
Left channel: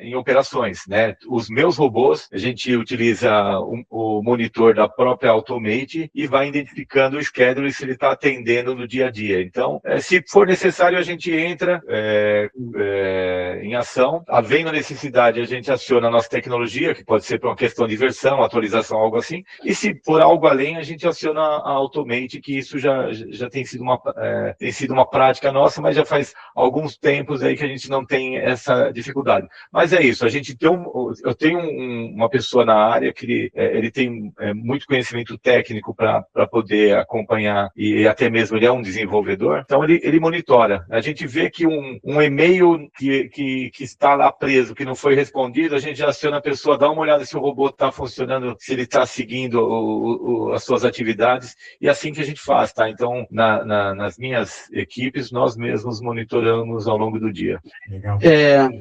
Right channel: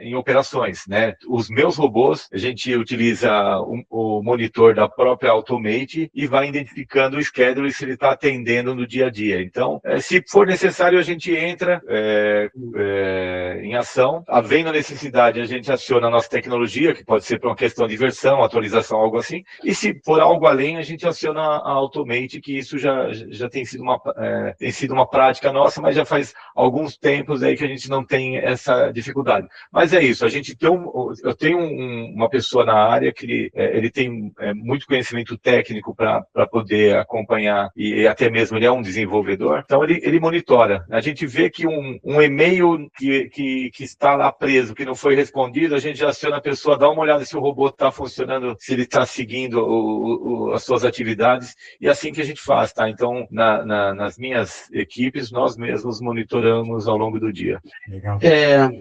em operações, né? Os meus robôs, a gente utiliza o monitor da própria Automate e vai identificando o schedule se ele está atendendo no dia a dia. Então, se for necessário, a gente entra em ação. Havendo a necessidade, a gente aciona a nossa tecnologia, que pode ser para uma questão de versão, atualização, algo assim. E se for algo além, a gente aciona a Automate, que isso já tem sido uma prática nossa, mas já faz alguns tempos aí que a gente não tem essa dificuldade. Mas é isso, eu tenho uma pessoa na área que ele tem muito conhecimento técnico para poder acompanhar, e até mesmo ele é um desenvolvedor, então ele monitora. A gente vê que um e-mail que está lá preso, que não foi respondido, a gente já aciona a pessoa, dá uma olhada se o robô está funcionando, se ele está seguindo as suas atividades, e é assim que a gente faz, tá? Então, nas minhas equipes, nós mesmos monitoramos ao longo do dia. Legal.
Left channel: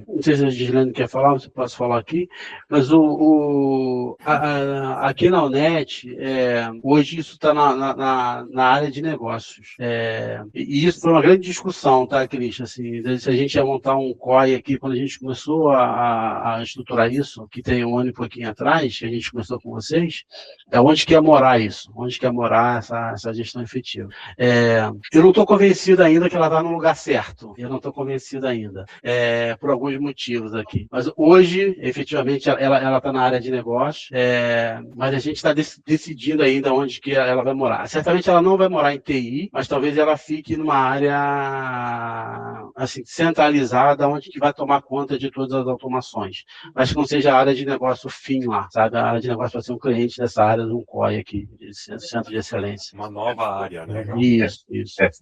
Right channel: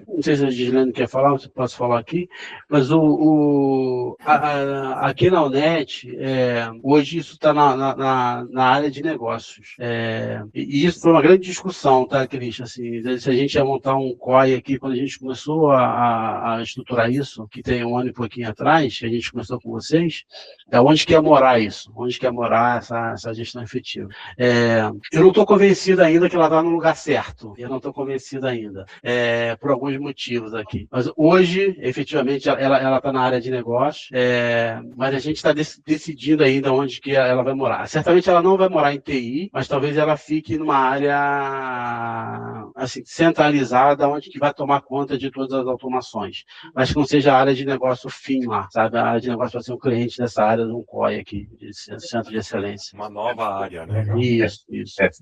Não sei se a Gislaine quer falar, se posso falar aqui, mas aqui na UNET, hoje isso está na área de negócios. E isso foi uma grande discussão, tá, Cristian? Assim, se a gente ia montar um COI aqui, quando a gente começou a estruturar isso, que tem um ano e pouquinho atrás, que a gente começou com vocês, onde que ia morar isso? Onde que ia morar essa gestão efetiva? Eu não estou convencido ainda que ela está no lugar certo. Eu não estou convencido ainda, por alguns motivos aqui. Mas hoje, efetivamente, ela está na área de negócio, mas a gente está decidindo ainda onde que ela vai morar. Certamente ela não vai morar em TI, mas talvez ela fique numa área assim, centralizada, onde que vai tomar conta de todas as automações. Mas que não seja a área de negócio fim lá, sabe? A área de negócio vai ser um cliente dessa área de um COI aqui, de Centro de Excelência. Uma nova área, né? Isso.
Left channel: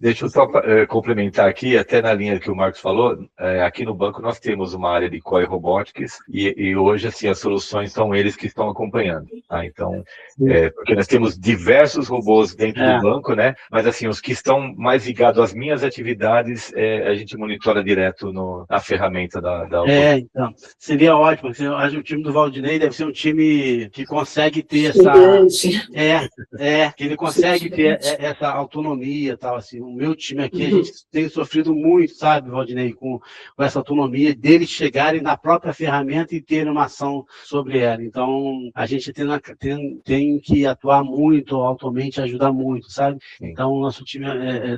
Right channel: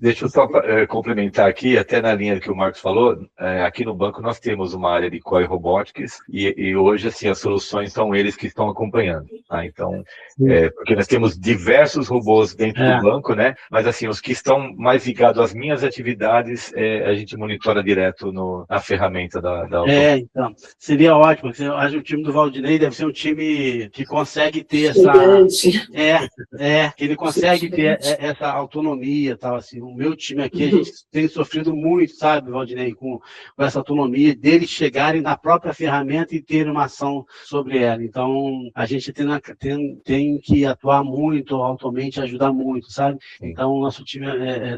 Deixa eu só complementar aqui, até na linha que o Marcos falou, aqui no banco nós temos uma área de COI Robotics e hoje assim, as soluções são eles que estão acompanhando. Tá? Então, porque nós temos diversos robôs dentro do banco, né? Mas assim, os que estão mais ligados às minhas atividades, a gente monitora direto na ferramenta da então, seria ótimo. Eu acho que o time do Valdinei deve ser um time que consegue ter que ele consegue ter essa autonomia, tal, assim. O meu time aqui, a gente tem sofrido muito, sabe, Valdinei, com essa autonomia deles chegarem na própria ferramenta e terem uma ação sobre ela. Então, a gente tem que atuar muito, altamente, ajudar muito, sabe? Então, o nosso time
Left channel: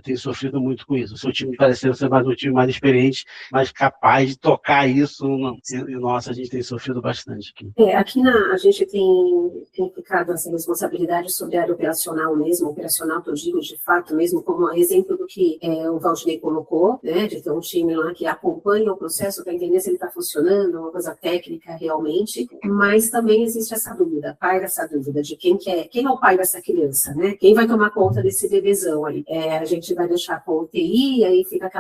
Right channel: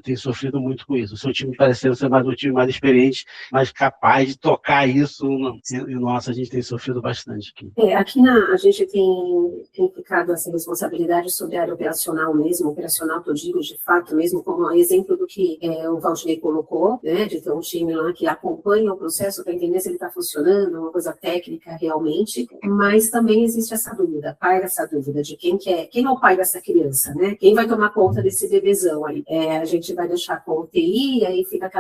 tem sofrido muito com isso. O seu time parece ser mais um time mais experiente, mais capaz de tocar isso, e nossa, a gente tem sofrido bastante aqui. Aqui a gente tem ficado essa responsabilidade sobre a área operacional mesmo, operacional que eu digo, de fato mesmo, como exemplo do que o Valdinei colocou, né, de ter um time lá que acompanha o processo para entender se ele está funcionando, uma coisa técnica realmente, mas também existe essa dúvida, paira essa dúvida de quem é o pai dessa criança, né? Quem vai tomar conta desse bebezão aí? A gente vai deixar com o TI, aí fica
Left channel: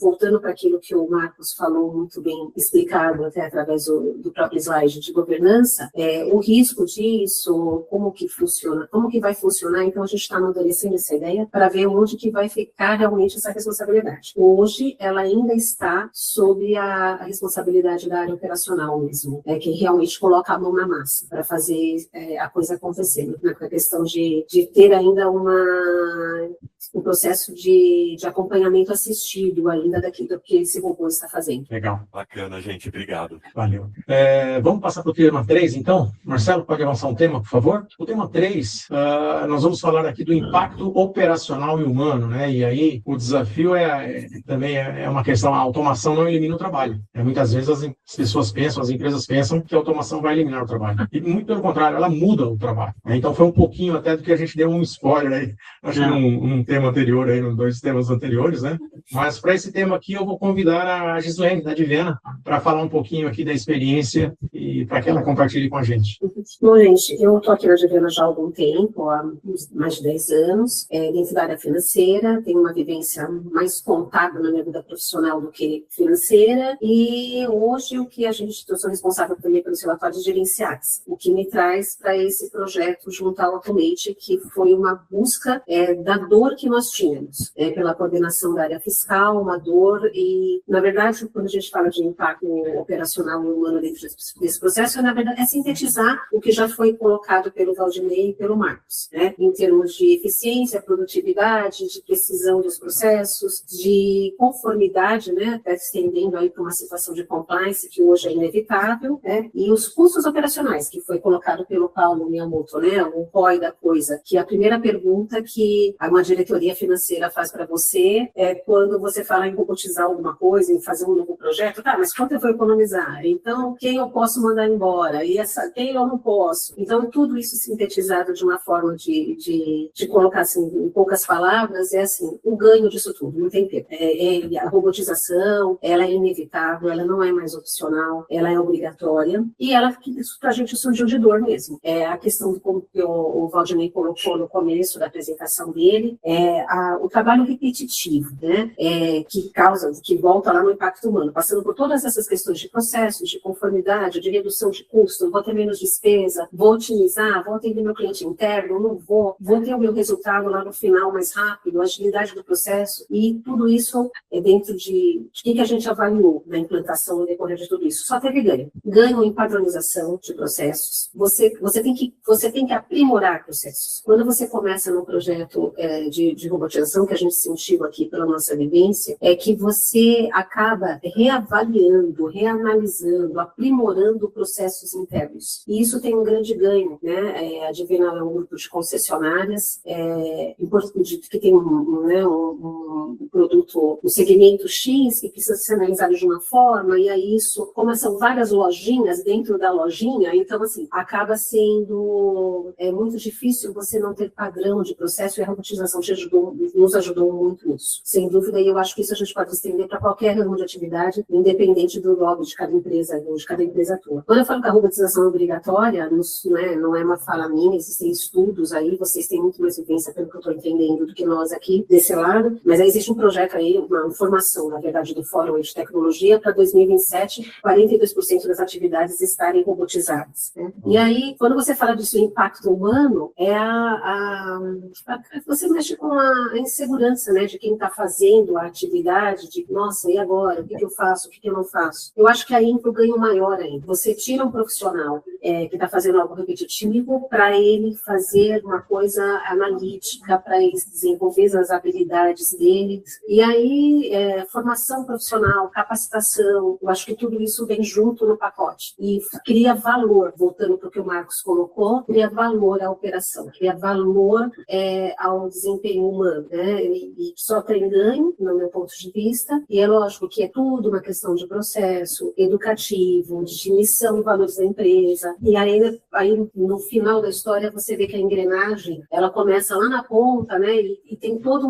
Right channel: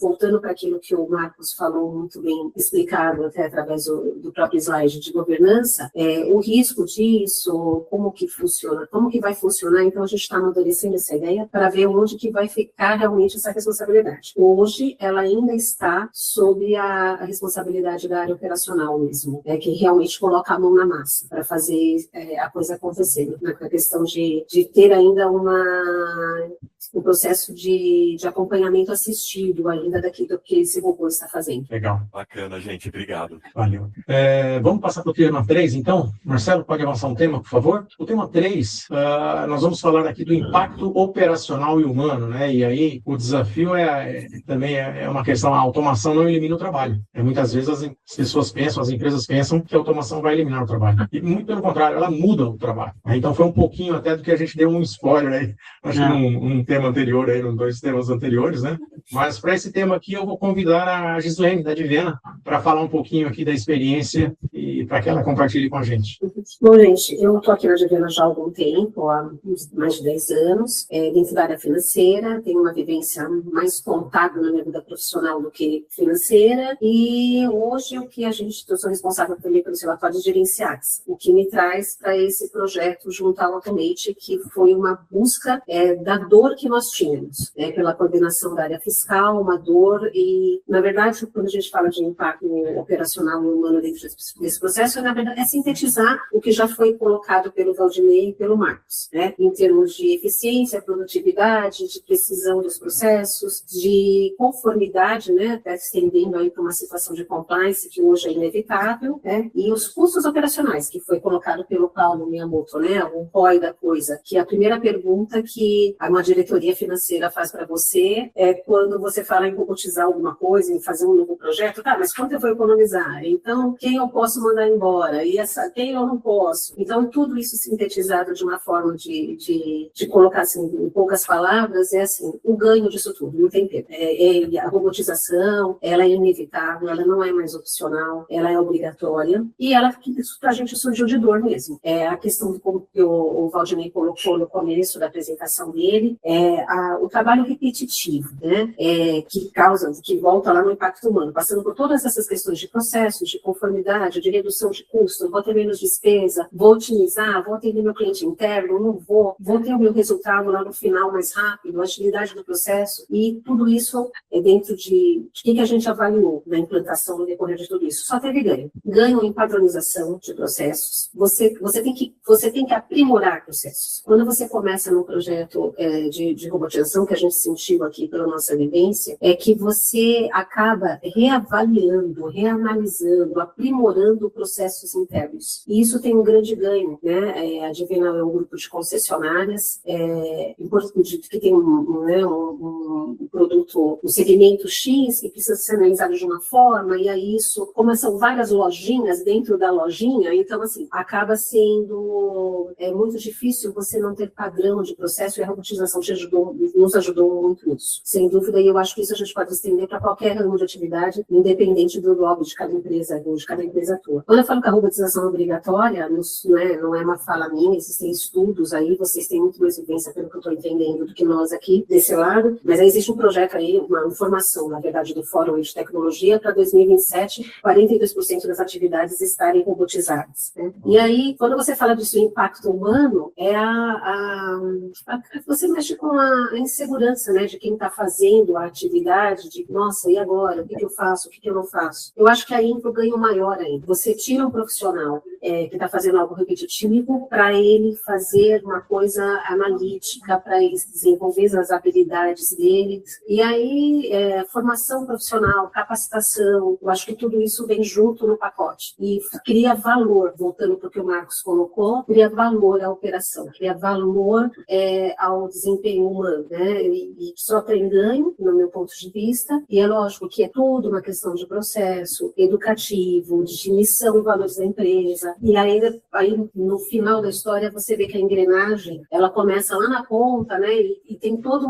voltando para aquilo que o Marcos falou muito bem explicado até através do próprio slide de governança, o risco disso, como que funciona, como que vai funcionar, então a gente está amadurecendo essa ideia para ver onde que vai ficar realmente essa responsabilidade. Hoje, ela ainda está sob a responsabilidade da área operacional mesmo, que realmente coloca a mão na massa para fazer a coisa acontecer, na questão de ter ainda um processo de acompanhamento assistido ainda daquilo que esse robô está fazendo. Legal. Bacana, gente. Obrigado. Valeu. Vamos passar para o tema 3, então? Marcelo, pode avançar um tema, por favor? O tema 3, nós vamos falar aqui do impacto operacional e humano, né? E aí o desafio também é uma questão, a automação não elimina o trabalho. Muitas vezes as pessoas pensam, as empresas pensam que a automação vai eliminar o trabalho. E muito pelo contrário, ela muda o trabalho. Então foi um pouquinho até do que a gente deu um spoiler aí, acho que num tema anterior, aí, nos 2 temas anteriores, né? Mas para esse tema aqui eu vou convidar a Gislene, da Divena, para falar um pouquinho aqui da experiência e para que ela compartilhe com a gente. Bom, gente, eu estou aqui na Divena já há algum tempo, há mais de 10 anos, dentro da área financeira, tenho uma vivência mais contábil na minha vida profissional do que financeira, e hoje eu sou responsável também pelos relatórios gerenciais, o que me traz para esse projeto junto ao Automate, que foi uma busca da dor que nós tínhamos, pela coordenação da área fiscal, uma dor, e na verdade, quando a gente fala de impacto operacional e humano dentro desse processo, na verdade, é sintetizar o que já foi colocado pelo Valdinei e pelo Marcos, né? Em termos de eficiência, produtividade, de precisão dos processos, de conformidade, né? Até estendendo aí para uma situação de compliance que hoje é inevitável, né? E os custos operacionais, que foi colocado pelo Paulo Miyamoto, né? O ROI da coisa, que a primeira pergunta que uma diretoria financeira faz para você é quando você fala em robotizar alguma coisa, em fazer um novo projeto, tá, mas quanto eu vou economizar? Então, quem eu posso mandar embora? E quem eu não posso? Então, tudo isso sintetizado de uma forma de colocar assim, em poucas palavras, é assim, o ganho disso tudo, não tem tempo. A robotização, ela é inevitável, ela não é mais opcional, ela é obrigatória, e isso pra gente surgiu de dor mesmo. A questão do como o Valdinei colocou no começo da apresentação dele, o trabalho repetitivo, né? Que volta lá no impacto humano, passando por todas essas questões de processos, de conformidade, de redução de custo, vou ter menos despesa, vou otimizar, vou atender meu cliente interno, não vou ter o meu resultado lá no final mais rápido, agilidade do processo, e tudo isso é dentro de que a gente avaliou na implantação no decorrer de tudo isso. Só teve ganho. Ganho em padronização de processos. Você tem que aprimorar processos. Quando você começa num projeto de robotização, que a gente sentiu aqui pela nossa vivência, é que você acaba reavaliando, reanalisando, aprimorando processos internos. E isso isso tem um grande ganho, né? A Divinal é um grupo de concessionárias que tem um produto, um segmento X, que precisa ser analisado de uma forma, e aí isso, como são várias lojinhas dentro da lojinha, então, assim, acaba sendo muito difícil você não ter padrão de processo, e a robotização nos ajudou muito nisso. Sem dúvida, e eu acho que isso a gente pode estender para qualquer ramo de atividade, independente do lobby de cada empresa, onde cada empresa atua. Quando eu falo que a robotização é obrigatória, não é uma fala minha, existem estudos aí, vocês têm muito mais vivência, pelo que eu estou entendendo, do que nós aqui, desse lado, mas aí existe um projeto aí, uma informação, na verdade, do Fórum de Tecnologia, para 2027, 42% das atividades estarem robotizadas, né? E aí, quando você fala disso, impacto humano, você mexe com a insegurança, né, de quem está fazendo a atividade, de, nossa, e agora? O que eu faço? O que eu não faço? Eu acho que aí entra o ganho maior ainda. Você tira um profissional que está fazendo algo repetitivo para ele fazer uma coisa analítica, para ele desenvolver as habilidades dele. E aí, formação profissional, capacitação, eu acho que tudo isso vem junto no pacote. E cria valor, voltando para o que o Marcos colocou, cria valor à operação, cria valor ao desempenho humano, né? E só tem ganho, no meu ponto de vista, e é lógico que é tudo uma questão de processo educativo, de missão e valores da empresa, e aí no final da história você vê que a engrenagem, ela começa lá na ponta, né? E tem todo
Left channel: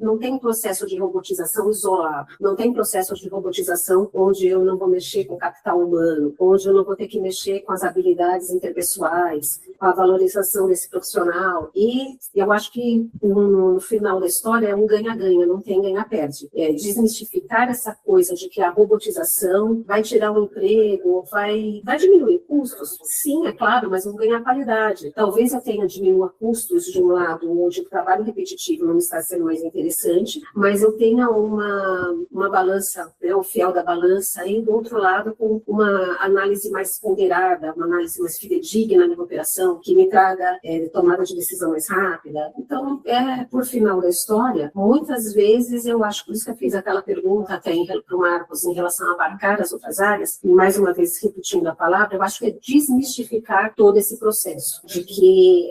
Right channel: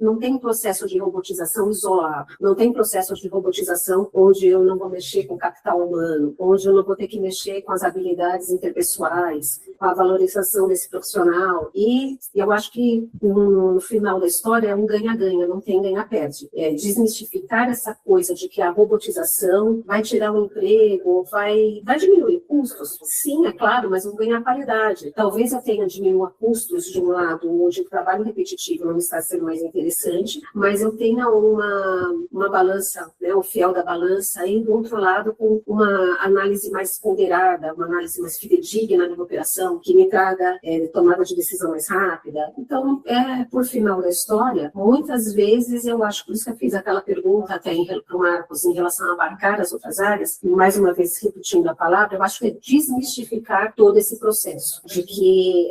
não tem um processo de robotização isolado, não tem processo de robotização onde eu não vou mexer com capital humano, onde eu não vou ter que mexer com as habilidades interpessoais, com a valorização desse profissional, e eu acho que no final da história é um ganha-ganha, não tem ganha-perde. Desmistificar essa coisa de que a robotização vai tirar um emprego, vai diminuir custos. Sim, é claro, mas vão ganhar qualidade. Talvez eu tenha diminuído custos de um lado, onde o trabalho repetitivo não está sendo mais interessante, mas eu tenha uma balança, né, o fiel da balança, e do outro lado com uma análise mais ponderada, uma análise mais fidedigna na operação, que me traga tomada de decisão mais rápida. Então, por final da história, muitas vezes eu acho, por isso que eu fiz aquela pergunta até para o Marcos em relação a abarcar as outras áreas, e mais uma vez repetindo a palavra, eu acho que é desmistificar todo esse processo, de que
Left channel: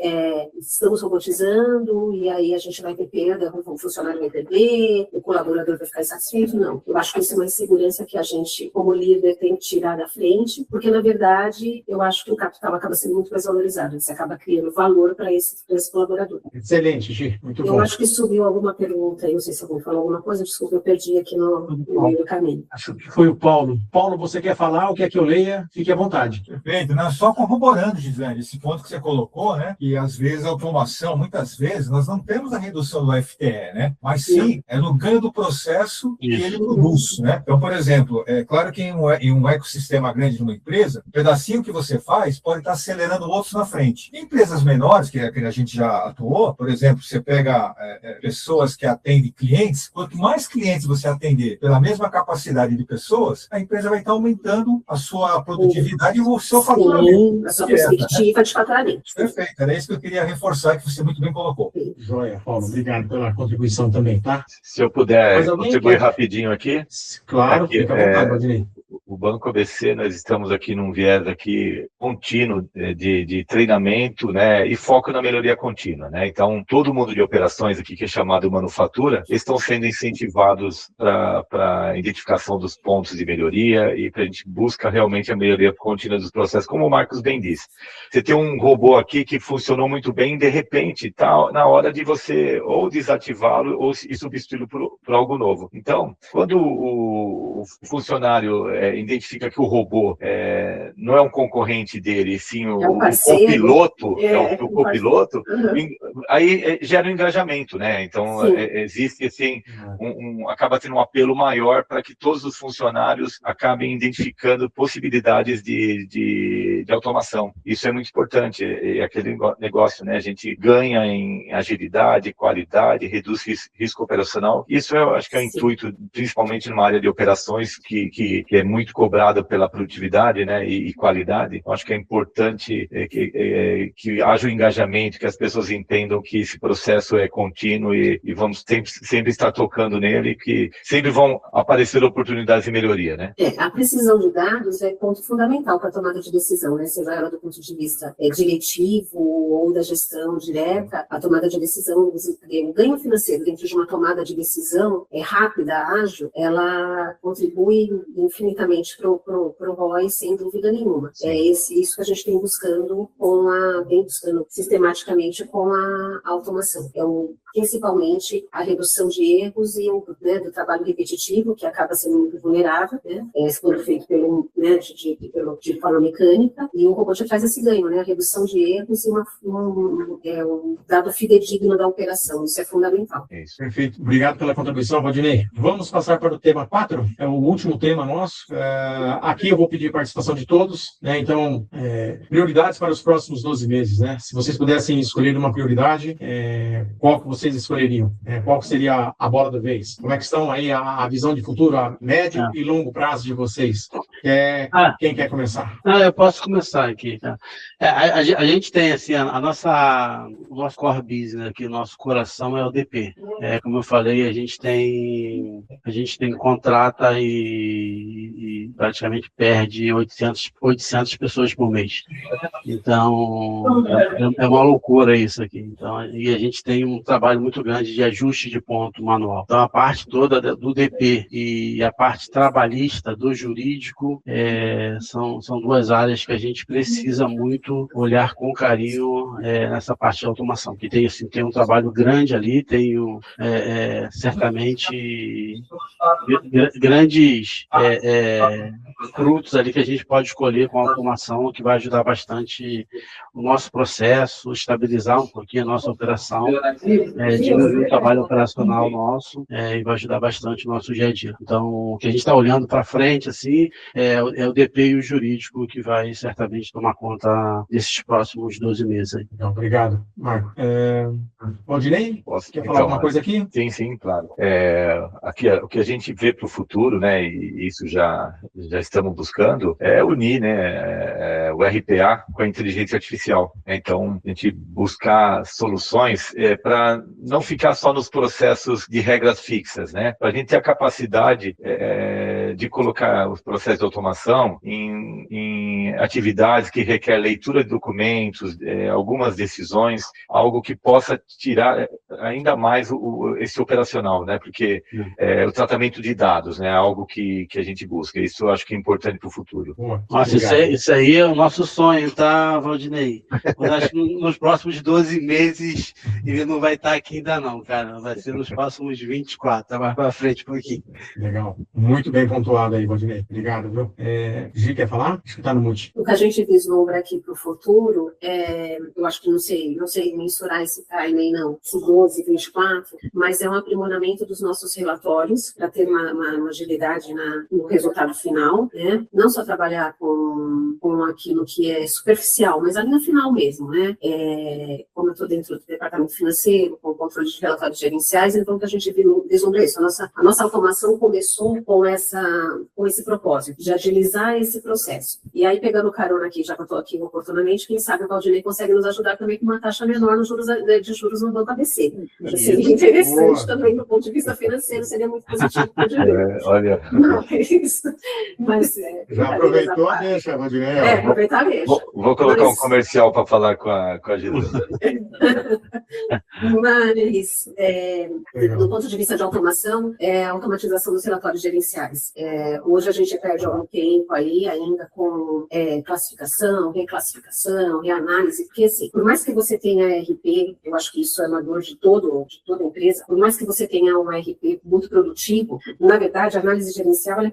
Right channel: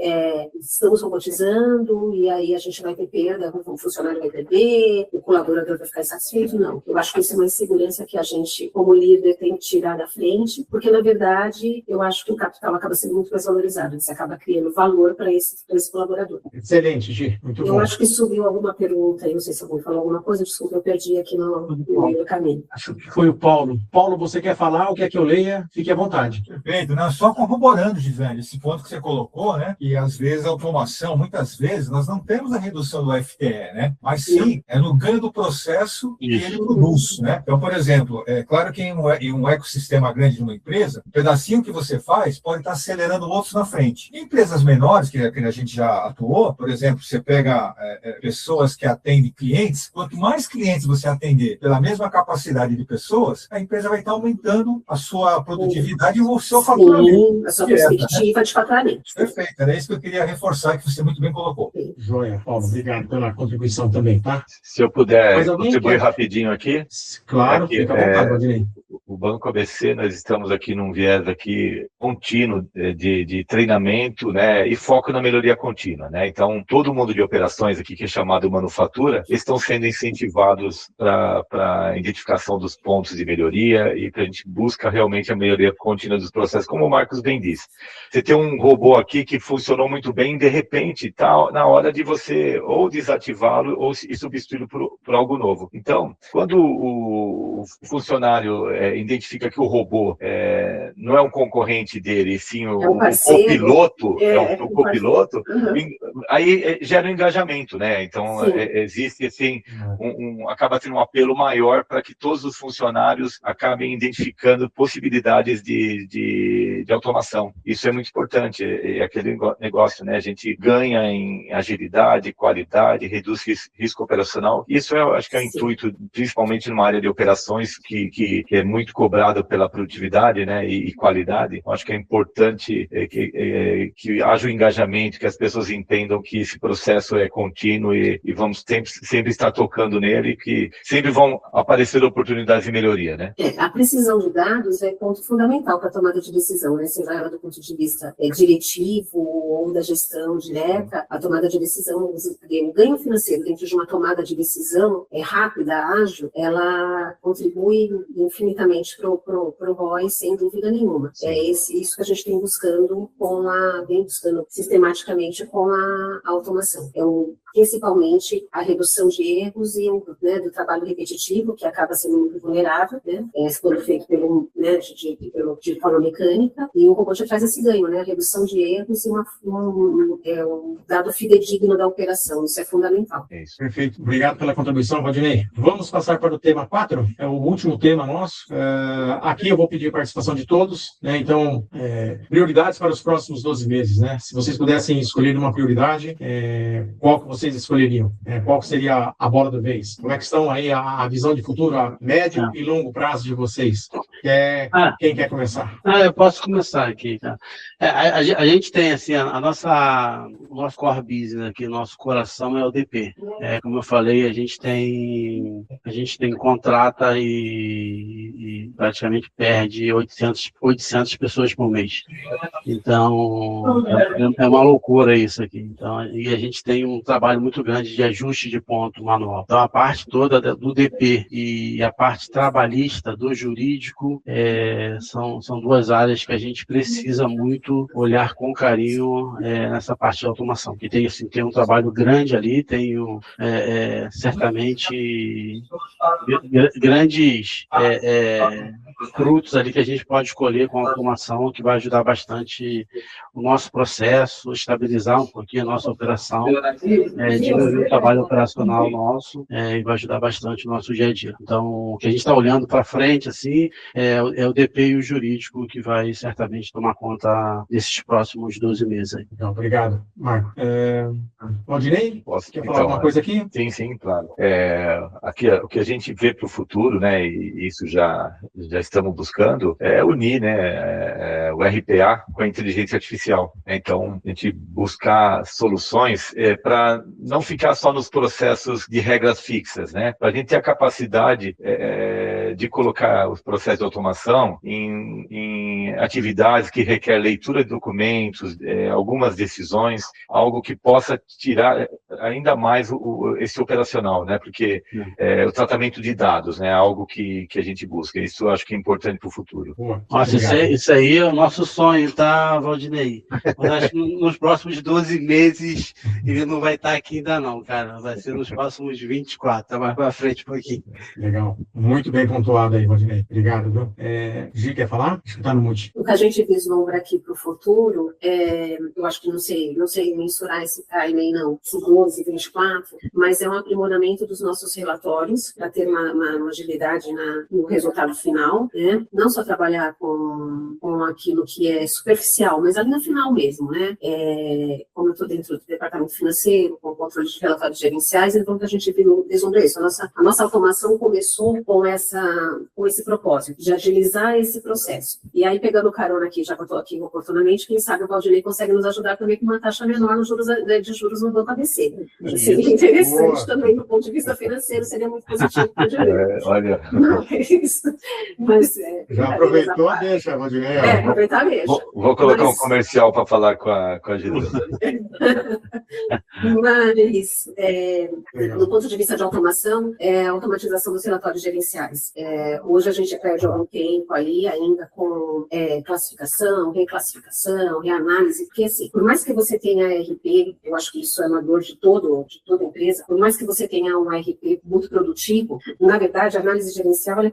estamos robotizando e aí a gente vai ter perda, o funcionário vai perder, o colaborador vai ficar insatisfeito. Não, eu acho que isso é uma insegurança que a gente, como líder, tem que tirar da frente, porque na verdade eu acho que o capital acaba sendo muito mais valorizado, você acaba criando valor para esse colaborador. Excelente, Gi, muito bom. Eu acho que subiu alguma pergunta aí, não sei se alguém falou alguma coisa, desculpa, eu perdi aqui no meio do caminho. Acho que foi o Paulo. Paulo, você quer falar ou quer que eu leia? Fique à vontade. Perfeito, né? Só corroborando, Gisele, esse ponto que você colocou, né? Que às vezes a automação, muitas vezes, nós não temos a redução do FTE, né? Mas sim, é no ganho do processo que ele produz, né? Então, por exemplo, é claro que em um ecossistema grande de uma empresa, um pedacinho que você faz pode estar acelerando outros na frente. Em empresas menores, que a gente já atuou, por exemplo, você pega pessoas que atendem clientes, quanto mais clientes você atender pela mesma capacidade de pessoas, a empresa vai estar aumentando a sua produtividade e o seu faturamento. Sim, a sua perspectiva de faturamento. Perfeito, era isso que eu queria reforçar, que você muito bem colocou. Joia, Paulo, obrigado pela contribuição também, tá? Se eu puder contribuir rapidinho aqui. Claro, fica à vontade, Valdinei. O Banco ABC, nós estamos aqui num viés aqui contínuo de treinamento, né, e foco na melhoria contínua, né? Então, todo mundo de operações aqui, que é chamado manufatura, estão sendo incentivados para a identificação dos pontos de melhoria e para a gente busca realmente a melhoria contínua dos processos, como o Marcos bem disse. Você tem um robô aqui que funcionou muito bem, de repente está na hora de você ou desativá-lo ou substituí-lo por algo novo. Então, quando o funcionário identifica que o robô não é um concorrente dele, e sim o copiloto, o copiloto, aí gera um engajamento, né? Então, existe assim, acaba tendo um apelo maior para que todos os funcionários acabem identificando possibilidades de automação. Isso é muito importante, é aquele negócio, né? A gente ganha em agilidade, qualidade, reduz risco operacional. Isso eu acho que é o intuito, principalmente numa área de operações que é muito cobrado pela produtividade, né? e qualidade, acho que é importante que haja o engajamento, que as pessoas entendam que esse processo é contínuo e vamos sempre estar tocando nele, que sempre vão aparecer oportunidades de melhoria, né? A precisão de dados é ponto fundamental para a tomada de decisão, né? Seja ela do ponto de vista diretivo ou da gestão direta, a tomada de decisão, o ganho financeiro dentro de uma tomada de decisão rápida, ágil, ela contribui infinitamente para o ROI, sem dúvida nenhuma. É isso que a gente vem buscando sistematicamente com a automação. Principalmente a redução de erros e do trabalho repetitivo, que acaba sendo muito vulnerável, né? Quando feito de forma mecânica, e o robô já traz esse ganho, né? A redução de erros e um dado fidedigno da operação. Isso é fundamental. Isso, perfeito. Obrigado pela contribuição, Valdinei. Vamos passar para o tema 4, é o último tema nosso. Aqui eu vou pedir a participação de todos, né? Então, prioridades para os próximos 12 meses, né? Se vocês pudessem escolher uma prioridade, qual que vocês escolheriam? Qual que seria a bola do vez? Como é que estão aí a visão de futuro, a médio e longo prazo de vocês? Quem quer começar? Eu posso começar aqui. Tá? A gente tem, assim, o nosso core business aqui, o nosso coração é o DP. Como eu falei, a gente tem contrata e praticamente perde 800 pessoas por mês. Então, é uma loucura isso aqui. Então, e a gente tem um trabalho muito grande de ajuste de ponto manual. Então, a parte toda do DP e a parte trabalhista do jurídico são duas áreas que a gente precisa muito olhar com carinho nessa parte de automação, que tem um trabalho grande ali, tem certamente grandes frutos ali que a gente pode escolher com a automação, que vai ajudar bastante o nosso processo, estabilizar um pouquinho a nossa operação, diminuir o trabalho operacional nosso e vai ajudar bastante o nosso dia a dia. Então, o que a gente está olhando para frente assim, é o DP e o jurídico que vai certamente tomar conta desses próximos 12 meses. Aí. Então, obrigado, Marco. Valdinei, quer falar então, alguma coisa aqui? Sim, claro. Aqui, o que a gente vê para o futuro, né, e isso já estamos buscando, é unir, né, o RPA com a inteligência artificial. Então, a gente buscar soluções para não ficar só nos processos de regras fixas, né, para a gente ter a capacidade de colocar os processos de automação em atividades que requer leitura de documentos, algumas decisões, algo que possa tirar ainda mais esse operacional, né? Porque o tratamento de dados, né? Algo que a gente busca. Isso eu acho que é importante para o futuro. Nossa, isso aí é o nosso sonho, tá, Valdinei? Eu acho que nos próximos 12 meses ele não vai estar aqui ainda não, cara. Vai ser nos próximos 24, tá mais para frente um pouquinho. Legal. Muito bem pontuado aí, Valdinei. Obrigado, viu? Gi, quer falar? Acho que está no mute. O que a gente vislumbra aqui para o futuro, eu acho que não sei mensurar esse timing, não, se 12, 24, mas é um aprimoramento dos nossos relatórios para ter uma agilidade no resultado final, né? Não só trabalhar com aquilo que é superficial, mas ali no final mesmo, né? Como eu estou dentro do departamento financeiro, com o controle de relatórios gerenciais, então que a gente vislumbra isso. A nossa automação começou com esse propósito, de agilizar esse processo. E aí, pegando carona aqui, já que eu estou aqui oportunamente, quem sabe o Valdinei consegue nos ajudar também com uma taxa menor de juros no banco ABC. Seria interessante também, do ponto de vista financeiro, seria muito positivo para o direito. Olha. Já aproveitou, deixa, Valdinei. Aproveitar, deixa. Vou colocar um comercial para falar com a Gilda. Mas, do ponto de vista de automação, a automatização dos relatórios gerenciais. Hoje a gente perde algum tempo aí ainda com classificação, reclassificação, reanálise, porque assim, por mais que você tenha RP, eu acho que isso é uma dor de toda empresa, por mais que você tenha um RP muito produtivo, na verdade a análise gerencial ela é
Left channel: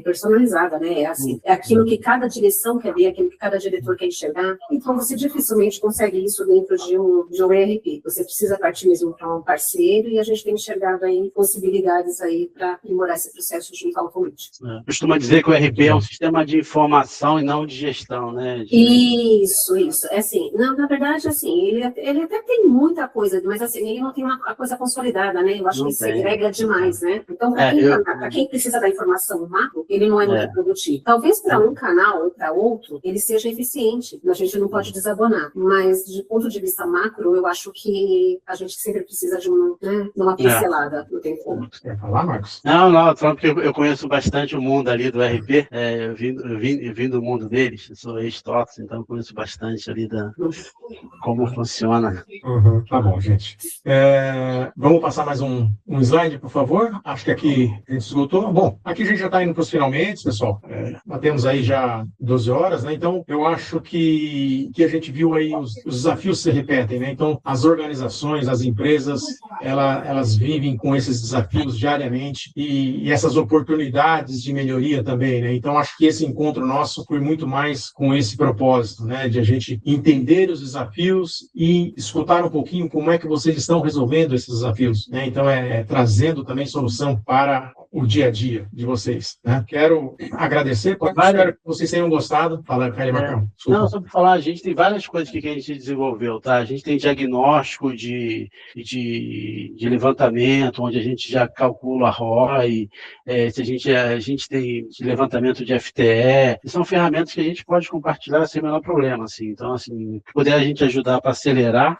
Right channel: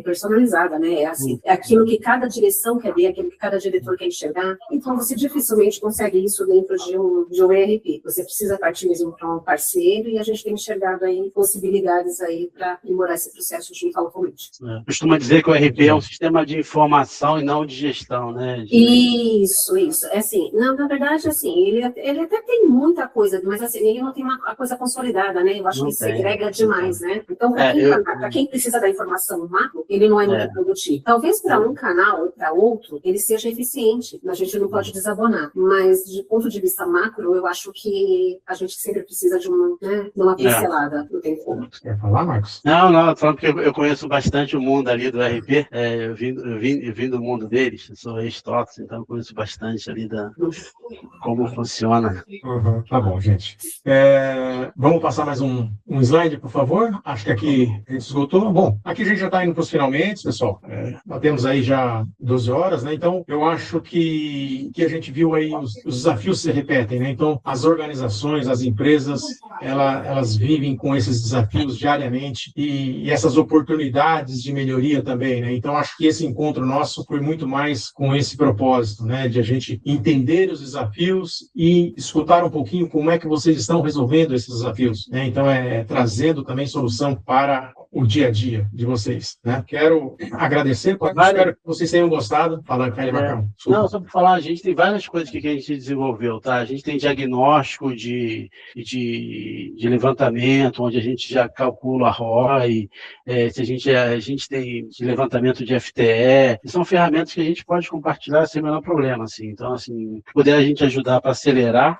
personalizada, né? É aquilo que cada direção quer ver, aquilo que cada diretor quer enxergar, então você dificilmente consegue isso dentro de um ERP. Você precisa partir mesmo para um parceiro e a gente tem enxergado aí possibilidades aí para aprimorar esse processo junto ao Automate. Costuma dizer que o ERP é um sistema de informação e não de gestão, né? Isso. Assim, na verdade, assim, ele até tem muita coisa, mas assim, ele não tem a coisa consolidada, né? Eu acho que segrega demais, né? Então, para quem precisa da informação macro, ele não é muito produtivo. Talvez para um canal ou para outro, ele seja eficiente, a gente não pode desabonar, mas de ponto de vista macro, eu acho que a gente sempre precisa de uma pincelada, não tem como. Quer falar, Marcos? Não, porque eu conheço bastante o mundo ali do RP, eu vim do mundo deles, eu sou ex-TOTS, então eu conheço bastante ali como funciona. Tá bom, gente. Vamos passar mais um slide, por favor? Acho que aqui a gente esgotou. Bom, aqui a gente já está indo para os finalmente, pessoal. Batemos aí já 12 horas, né? Então, eu acho que a gente viu aí os desafios se repetem, né? Então, as organizações, as empresas, elas vivem com esses desafios diariamente e essas oportunidades de melhoria também, né? Então, acho que esse encontro nosso foi muito mais com esse propósito, né? De a gente entender os desafios e escutar um pouquinho como é que vocês estão resolvendo esses desafios, né? Então, trazendo também solução para o dia a dia de vocês, né? Quero agradecer, espero que vocês tenham gostado. Fala, Caio Marcão. Não, só para falar, a gente tem várias coisas que a gente desenvolveu, tá? A gente tem diagnóstico de levantamento, onde a gente já calcula a ROI, a gente tem de levantamento de FTE, são ferramentas que a gente pode compartilhar sem o menor problema, assim. Então, assim, puder a gente ajudar para acelerar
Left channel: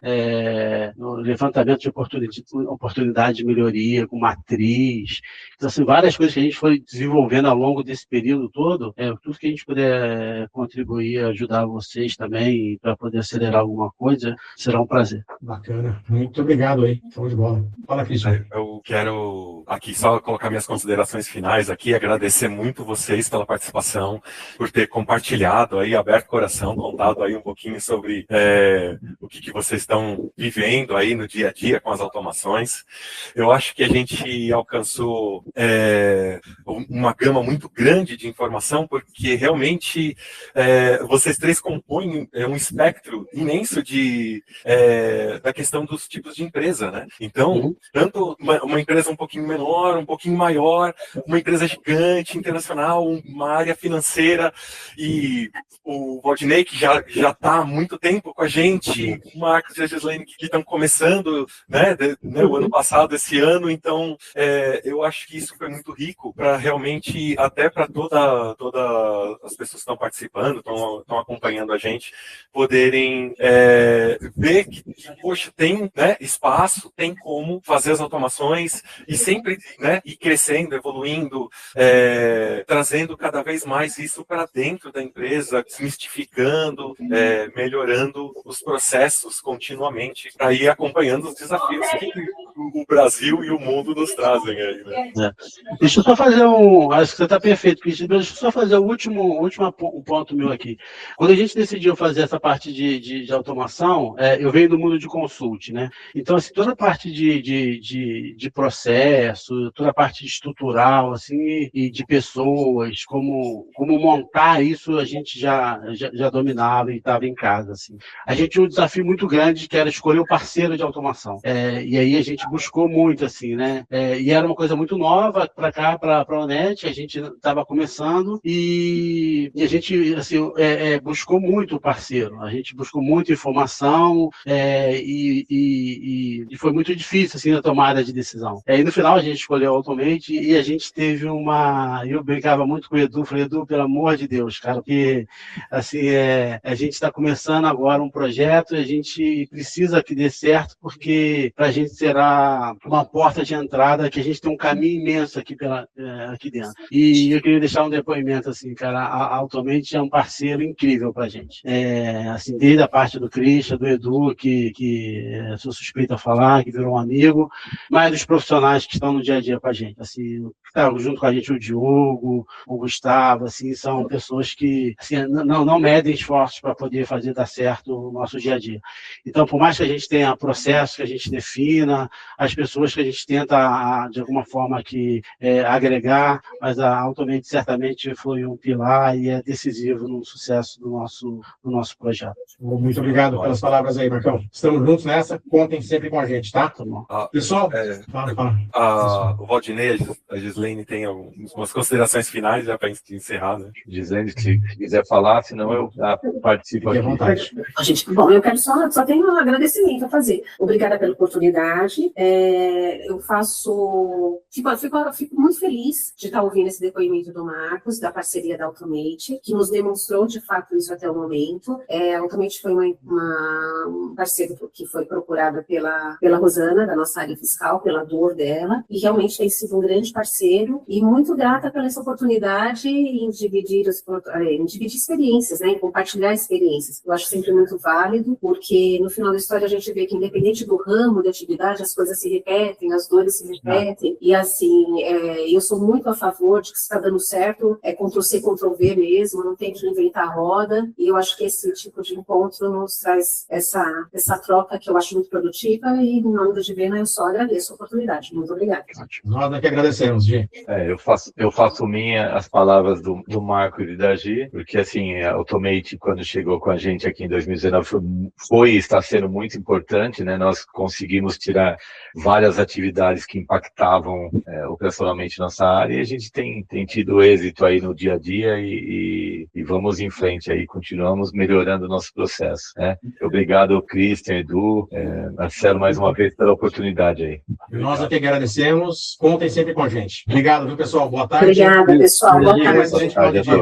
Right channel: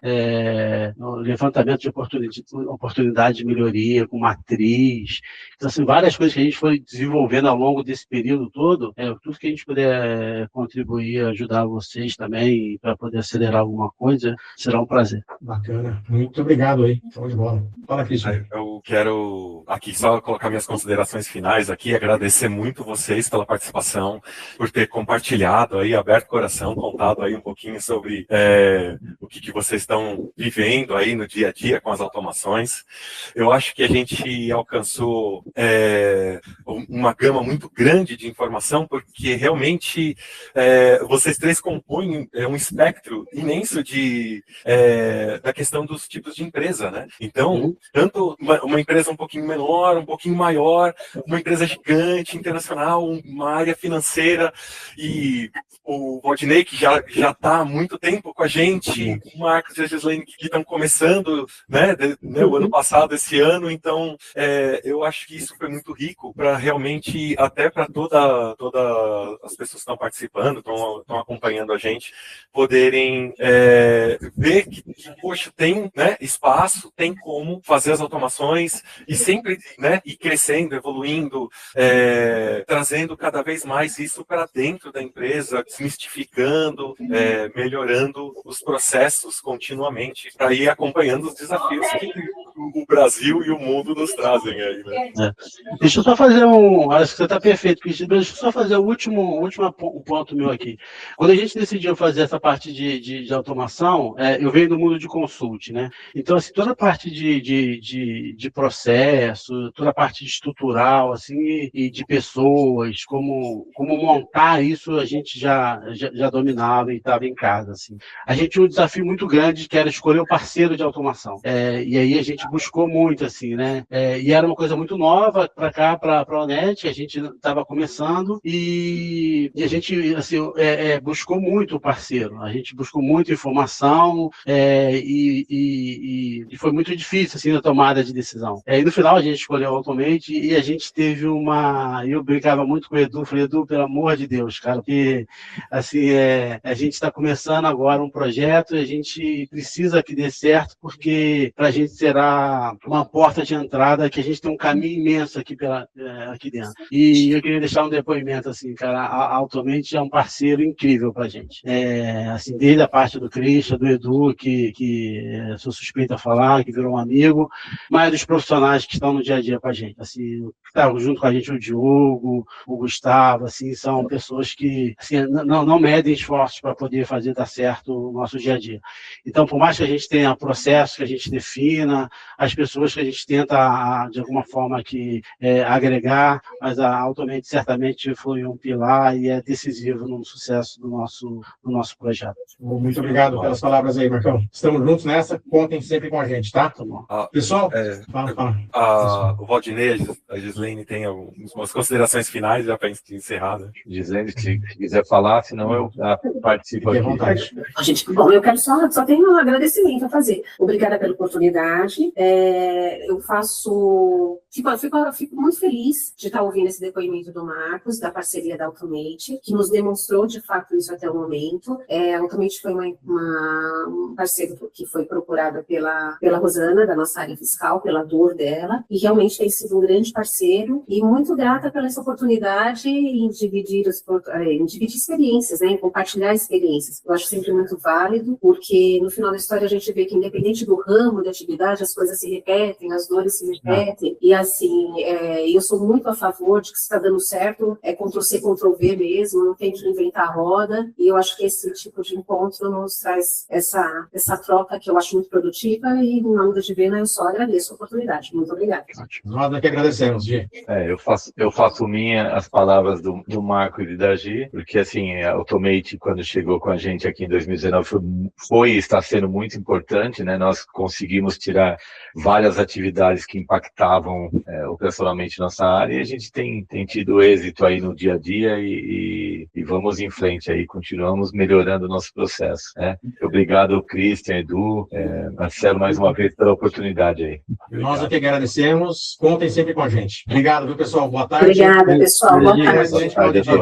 no levantamento de oportunidade de melhoria, com matriz. Então, assim, várias coisas que a gente foi desenvolvendo ao longo desse período todo, tudo que a gente puder contribuir, ajudar vocês também, para poder acelerar alguma coisa, será um prazer. Bacana. Muito obrigado aí. Show de bola. Fala, Cristian. Eu quero aqui só colocar minhas considerações finais aqui, agradecer muito vocês pela participação, por ter compartilhado aí, aberto o coração, contado aí um pouquinho sobre o que vocês estão vivendo aí no dia a dia com as automações. Eu acho que a gente alcançou uma gama muito grande de informação, porque realmente vocês três compõem um espectro imenso da questão dos tipos de empresa, né? Então, tanto uma empresa um pouquinho menor, um pouquinho maior, uma empresa gigante, internacional, uma área financeira, e o Valdinei, que já está há muito tempo com a gente, o Marcos e a Gislaine, que estão começando, né, o ano passado, esse ano. Então, eu acho que isso foi muito rico para realmente, até para todas as pessoas que estão participando, estão acompanhando a gente, poderem ver que, poxa, tem, né, espaço, tem como fazer as automações e sempre, né, ir crescendo, evoluindo, trazendo cada vez mais isso para dentro da empresa, desmistificando, melhorando os processos continuamente, para ir acompanhando os desafios que o Brasil e o mundo nos trazem aí, né? Deixa eu só fazer acho que você está perfeito, Cristian, mas deixa eu só fazer o último ponto meu aqui. Quando a gente decidiu fazer essa parte de automação, eu venho do mundo de consult, né? Então, assim, toda a parte de processo, toda a parte estrutural, assim, e de pessoas, como montar isso, a gente já dominava e estava em casa, assim. A gente tinha um desafio muito grande, que era escolher o parceiro de automação. E aí a gente buscou muito, assim, né? E era uma coisa muito nova para cá, para a Onet, a gente estava começando e a gente, assim, buscou muito o parceiro, a gente buscou muita informação e foi muito difícil, assim, a tomada de decisão. E no final a gente escolheu o Automate e a gente teve eu brincava muito com o Edu, falei, Edu, pelo amor de Deus, cara, porque, assim, a gente está começando agora um projeto e a gente precisa que dê certo, porque para a gente será uma porta de entrada, que a gente tem um caminho imenso aqui dentro. E eu queria deixar um depoimento, assim, cara, a Automate é um parceiro incrível para a gente. Assim, desde a parte do Christian, do Edu, que sou suspeito a falar, que virou um amigo, mas dos profissionais que estão no dia a dia com a gente. Assim, que tá junto com a gente o Diogo, o Gustavo, assim, são pessoas que, assim, não medem esforços para poder fazer dar certo o nosso dia a dia. Então, por mais que a gente tenha processos que a gente defina, as pessoas que a gente tenta, de alguma forma, agregar, mas a Automate certamente foi um pilar e é decisivo no sucesso do nosso projeto. Muito obrigado pelas palavras aí, Marcão. Estamos juntos nessa, contem sempre com a gente, tá? Tá bom. Pessoal, fala. O Valdinei, a Gislaine tem algumas considerações finais já para encerrar, né? Dizendo que se quiser falar, senão eu participo aqui. Gente, bom, eu quero só tenho um agradecimento a fazer. Obrigada pela oportunidade. eu fico muito feliz de estar ouvindo esse depoimento do Marcos, da parceria da Automate, que nos demonstrou de fato isso até o momento. A Automate foi um parceiro que foi procurado pela Rosana, da nossa área fiscal, pela dor dela, e realmente tem sido um grande parceiro, e muito grata pela essa oportunidade em dividir experiências, né, em compartilhar experiências. Eu acho sempre muito válido, porque no final da história a gente vê que independente do ramo de atividade, as coisas se repetem, as dores se repetem, e assim, eu sou muito a favor de que se está dando certo, Ctrl-C, Ctrl-V mesmo, não tem que inventar a roda, e eu acho que esse tipo de encontro nos traz essa troca que eu acho muito produtiva, e em nome da Divena eu só agradeço a oportunidade. Muito obrigada. Nós que agradecemos, Gi. Eu faço minha as palavras do Marco e da Gi, porque assim, a Automate, quando chegou com a gente aqui em 2019, foi e está sendo muito importante, né? Nós conseguimos tirar várias atividades que impactavam operacionalmente nossa área, e a gente tem tido êxito aí no dia a dia, e vamos em frente aí, continuamos melhorando o nosso processo, né? Obrigado, Christian, Edu, Marcelo, mais uma vez pela oportunidade aí. Nós aqui agradecemos, contem sempre com a gente. Obrigado, viu, pessoal? Boa tarde. Obrigada, pessoal. Boa tarde. Excelente final de dia.